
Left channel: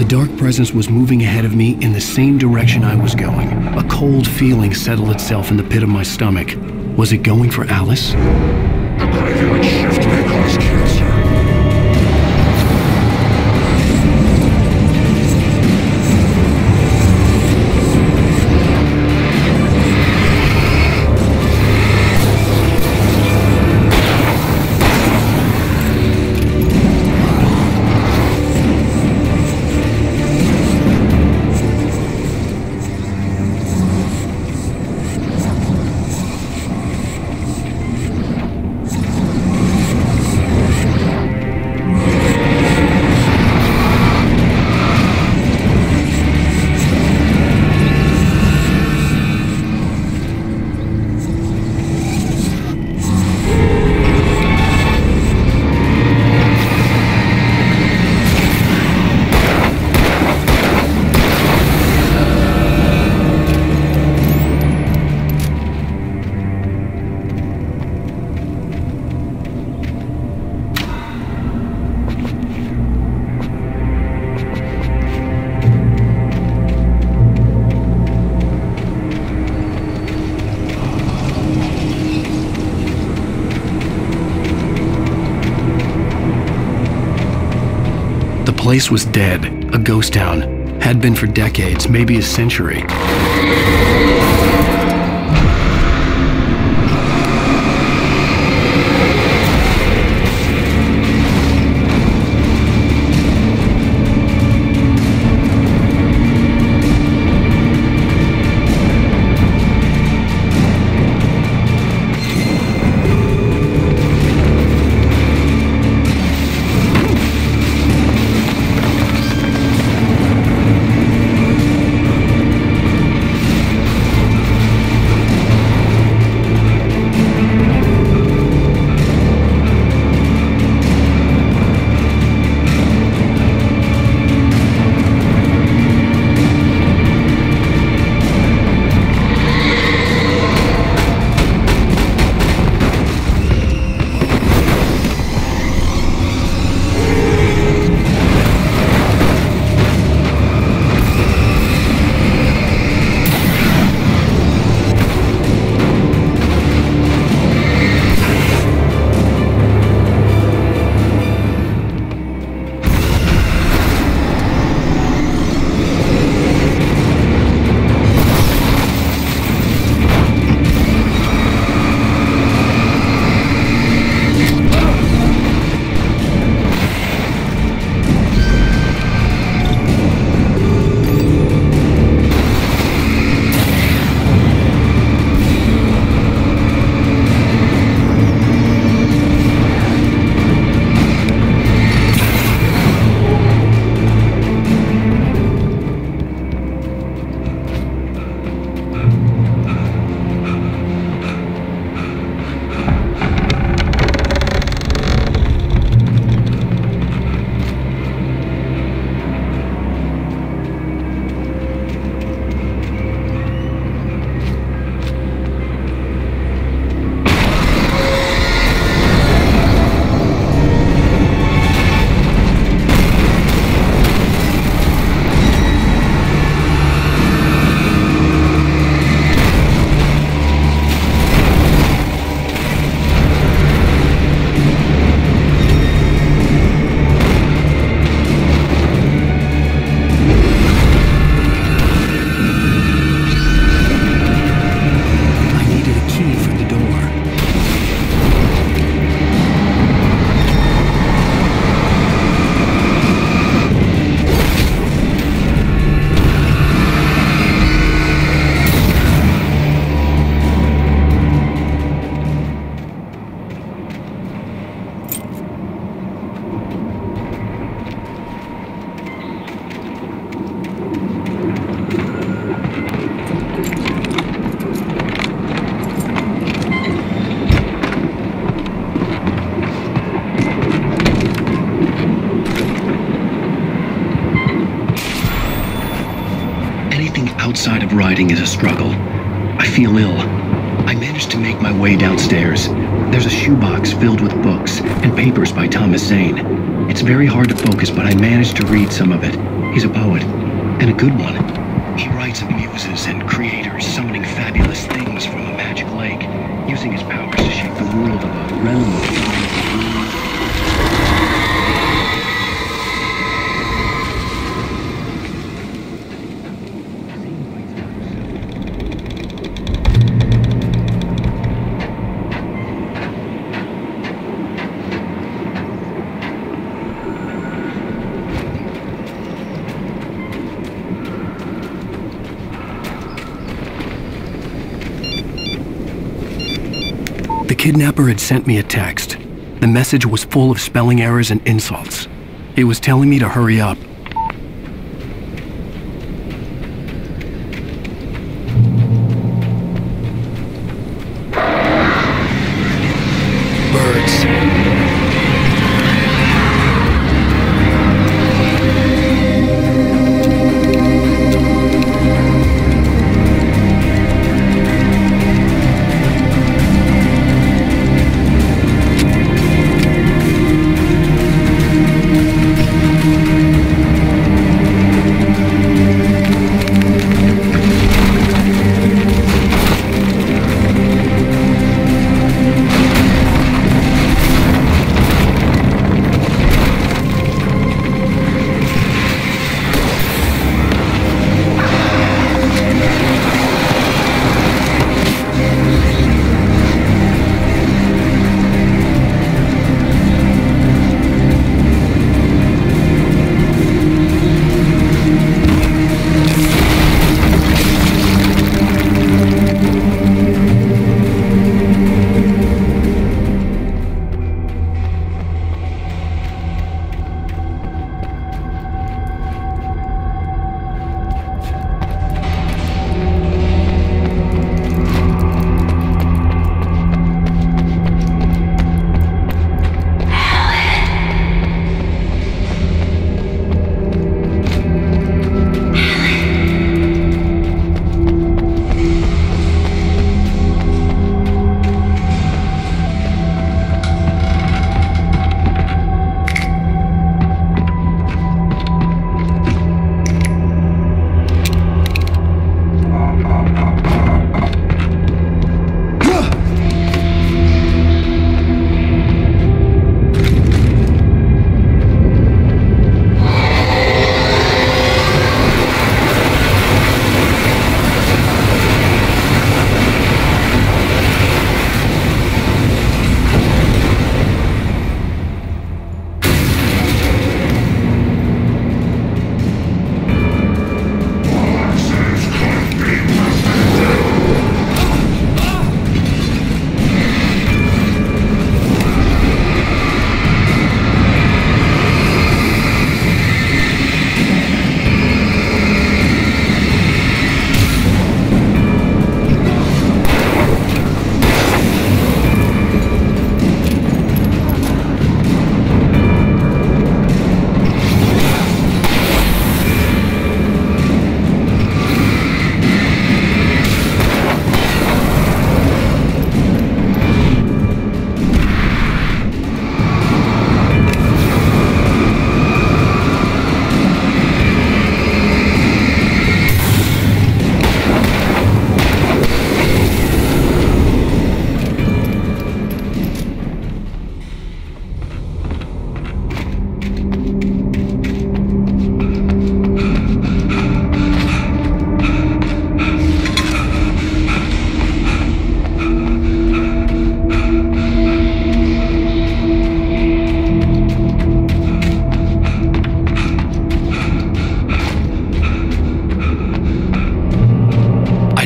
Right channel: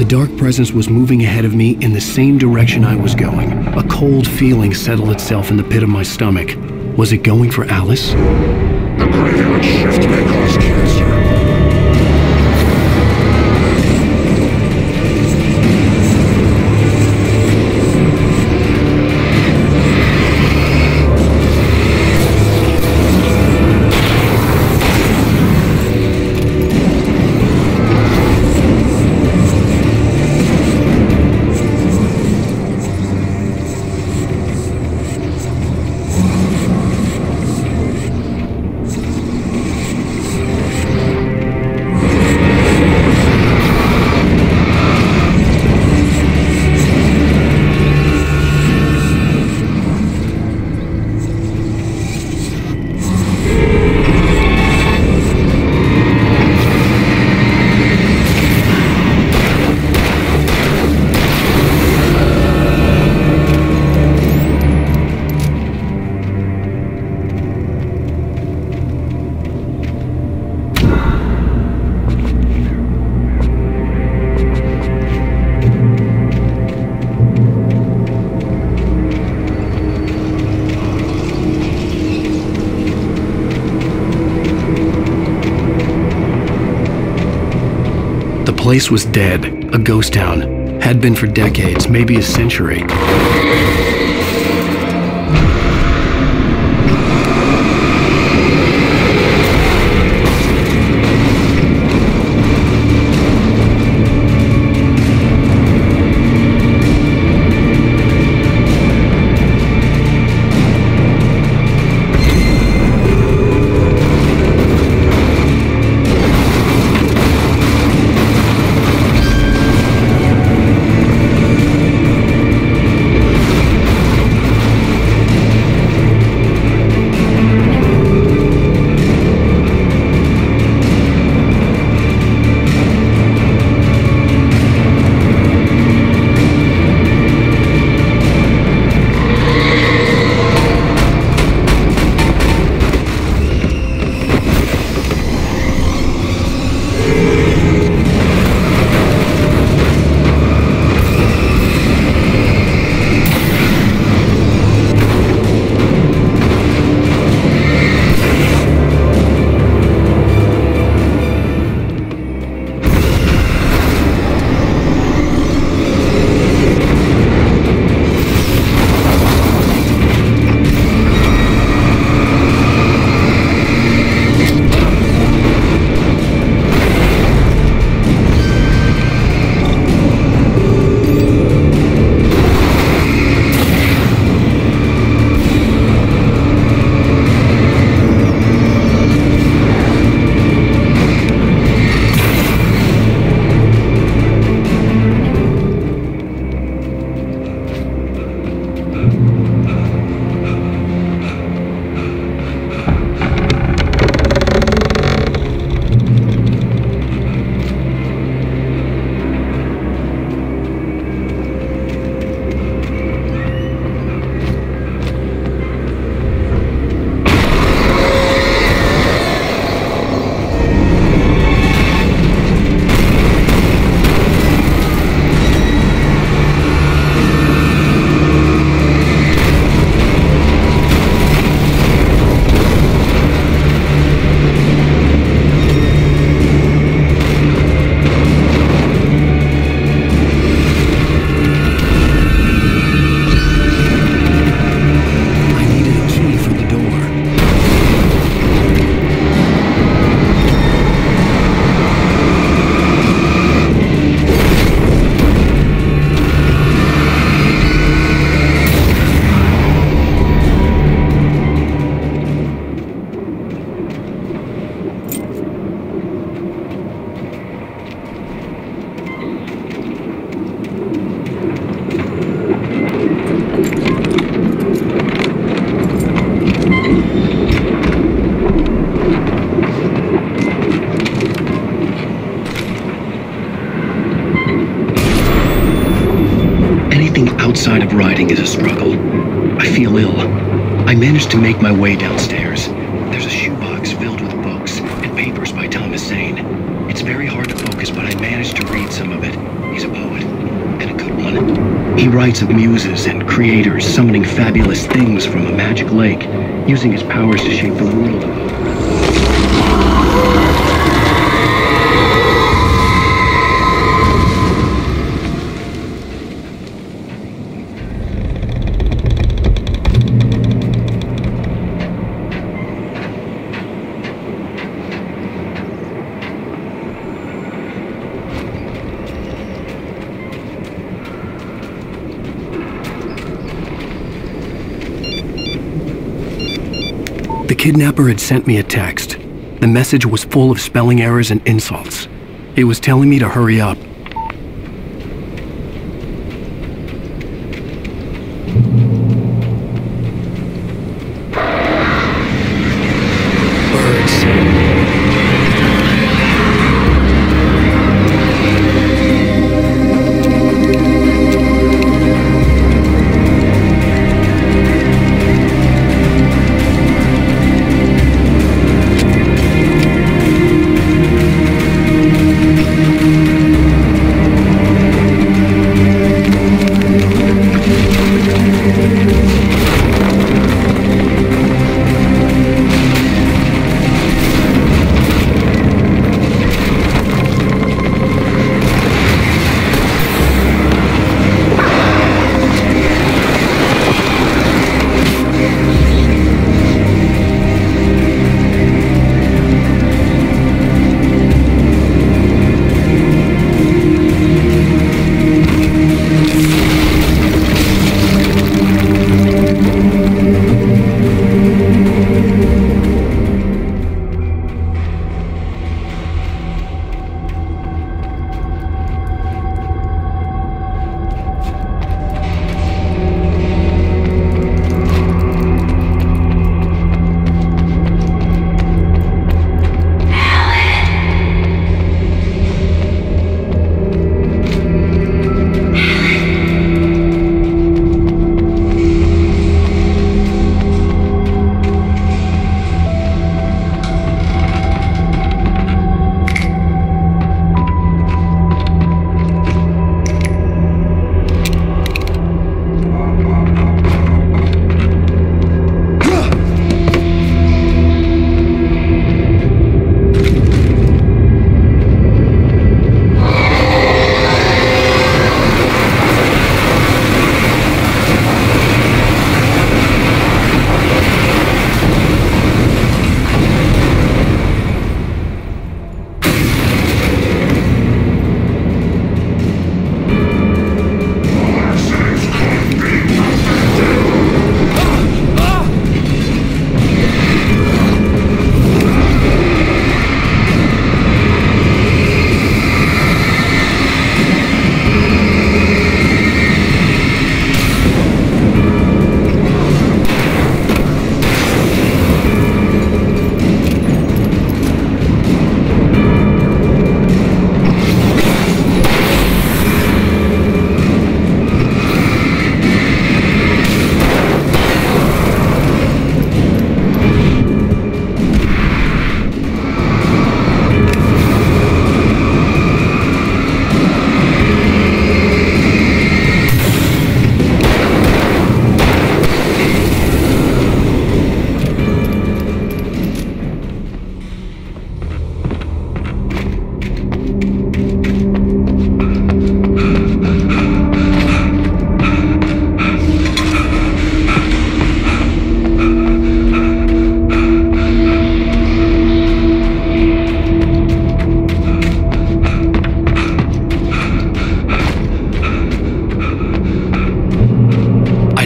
The dark presence was moving ahead of me in the same direction I was going. A cold feeling settled itself in the pit of my stomach. Was it going for Alice? The graveyard shift may cause cancer. place was dead, a ghost town. Had been for decades, maybe a century. For the door. Outside of riding is a struggle. I feel ill. I managed to make my way downstairs. There's a shoebox filled with books and papers by Thomas Zane. It's very hard to focus, but I managed to read some of it. He's a poet, and a good one. He writes of muses and creators summoning fabulous things from a magic lake, using his powers to shape the world of a realm. The kidnapper had sent me a text. The message was full of spelling errors and insults. It was telling me to hurry up. Birds.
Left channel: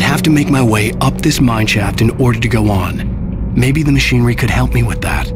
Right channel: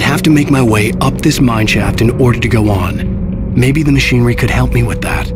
have to make my way up this mineshaft in order to go on. Maybe the machinery could help me with that.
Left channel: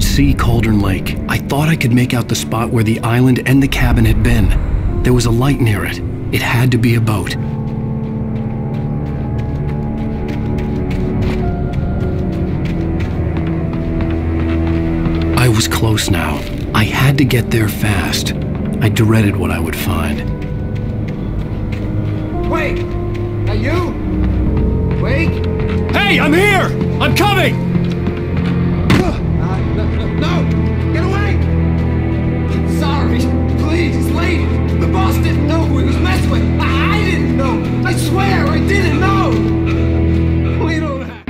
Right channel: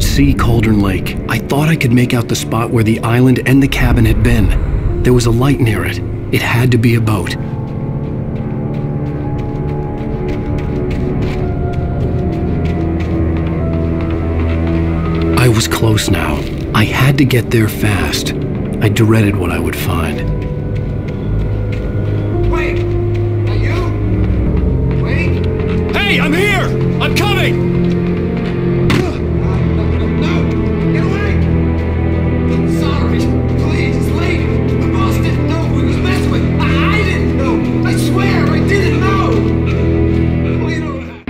could see Cauldron Lake. I thought I could make out the spot where the island and the cabin had been. There was a light near it. It had to be a boat. I was close now. I had to get there fast. I dreaded what I would find. Wait! Are you? Wait! Hey, I'm here! I'm coming! Sorry, please, lady. The boss didn't know who he was messing with. I didn't know. I swear, I didn't know. We don't have...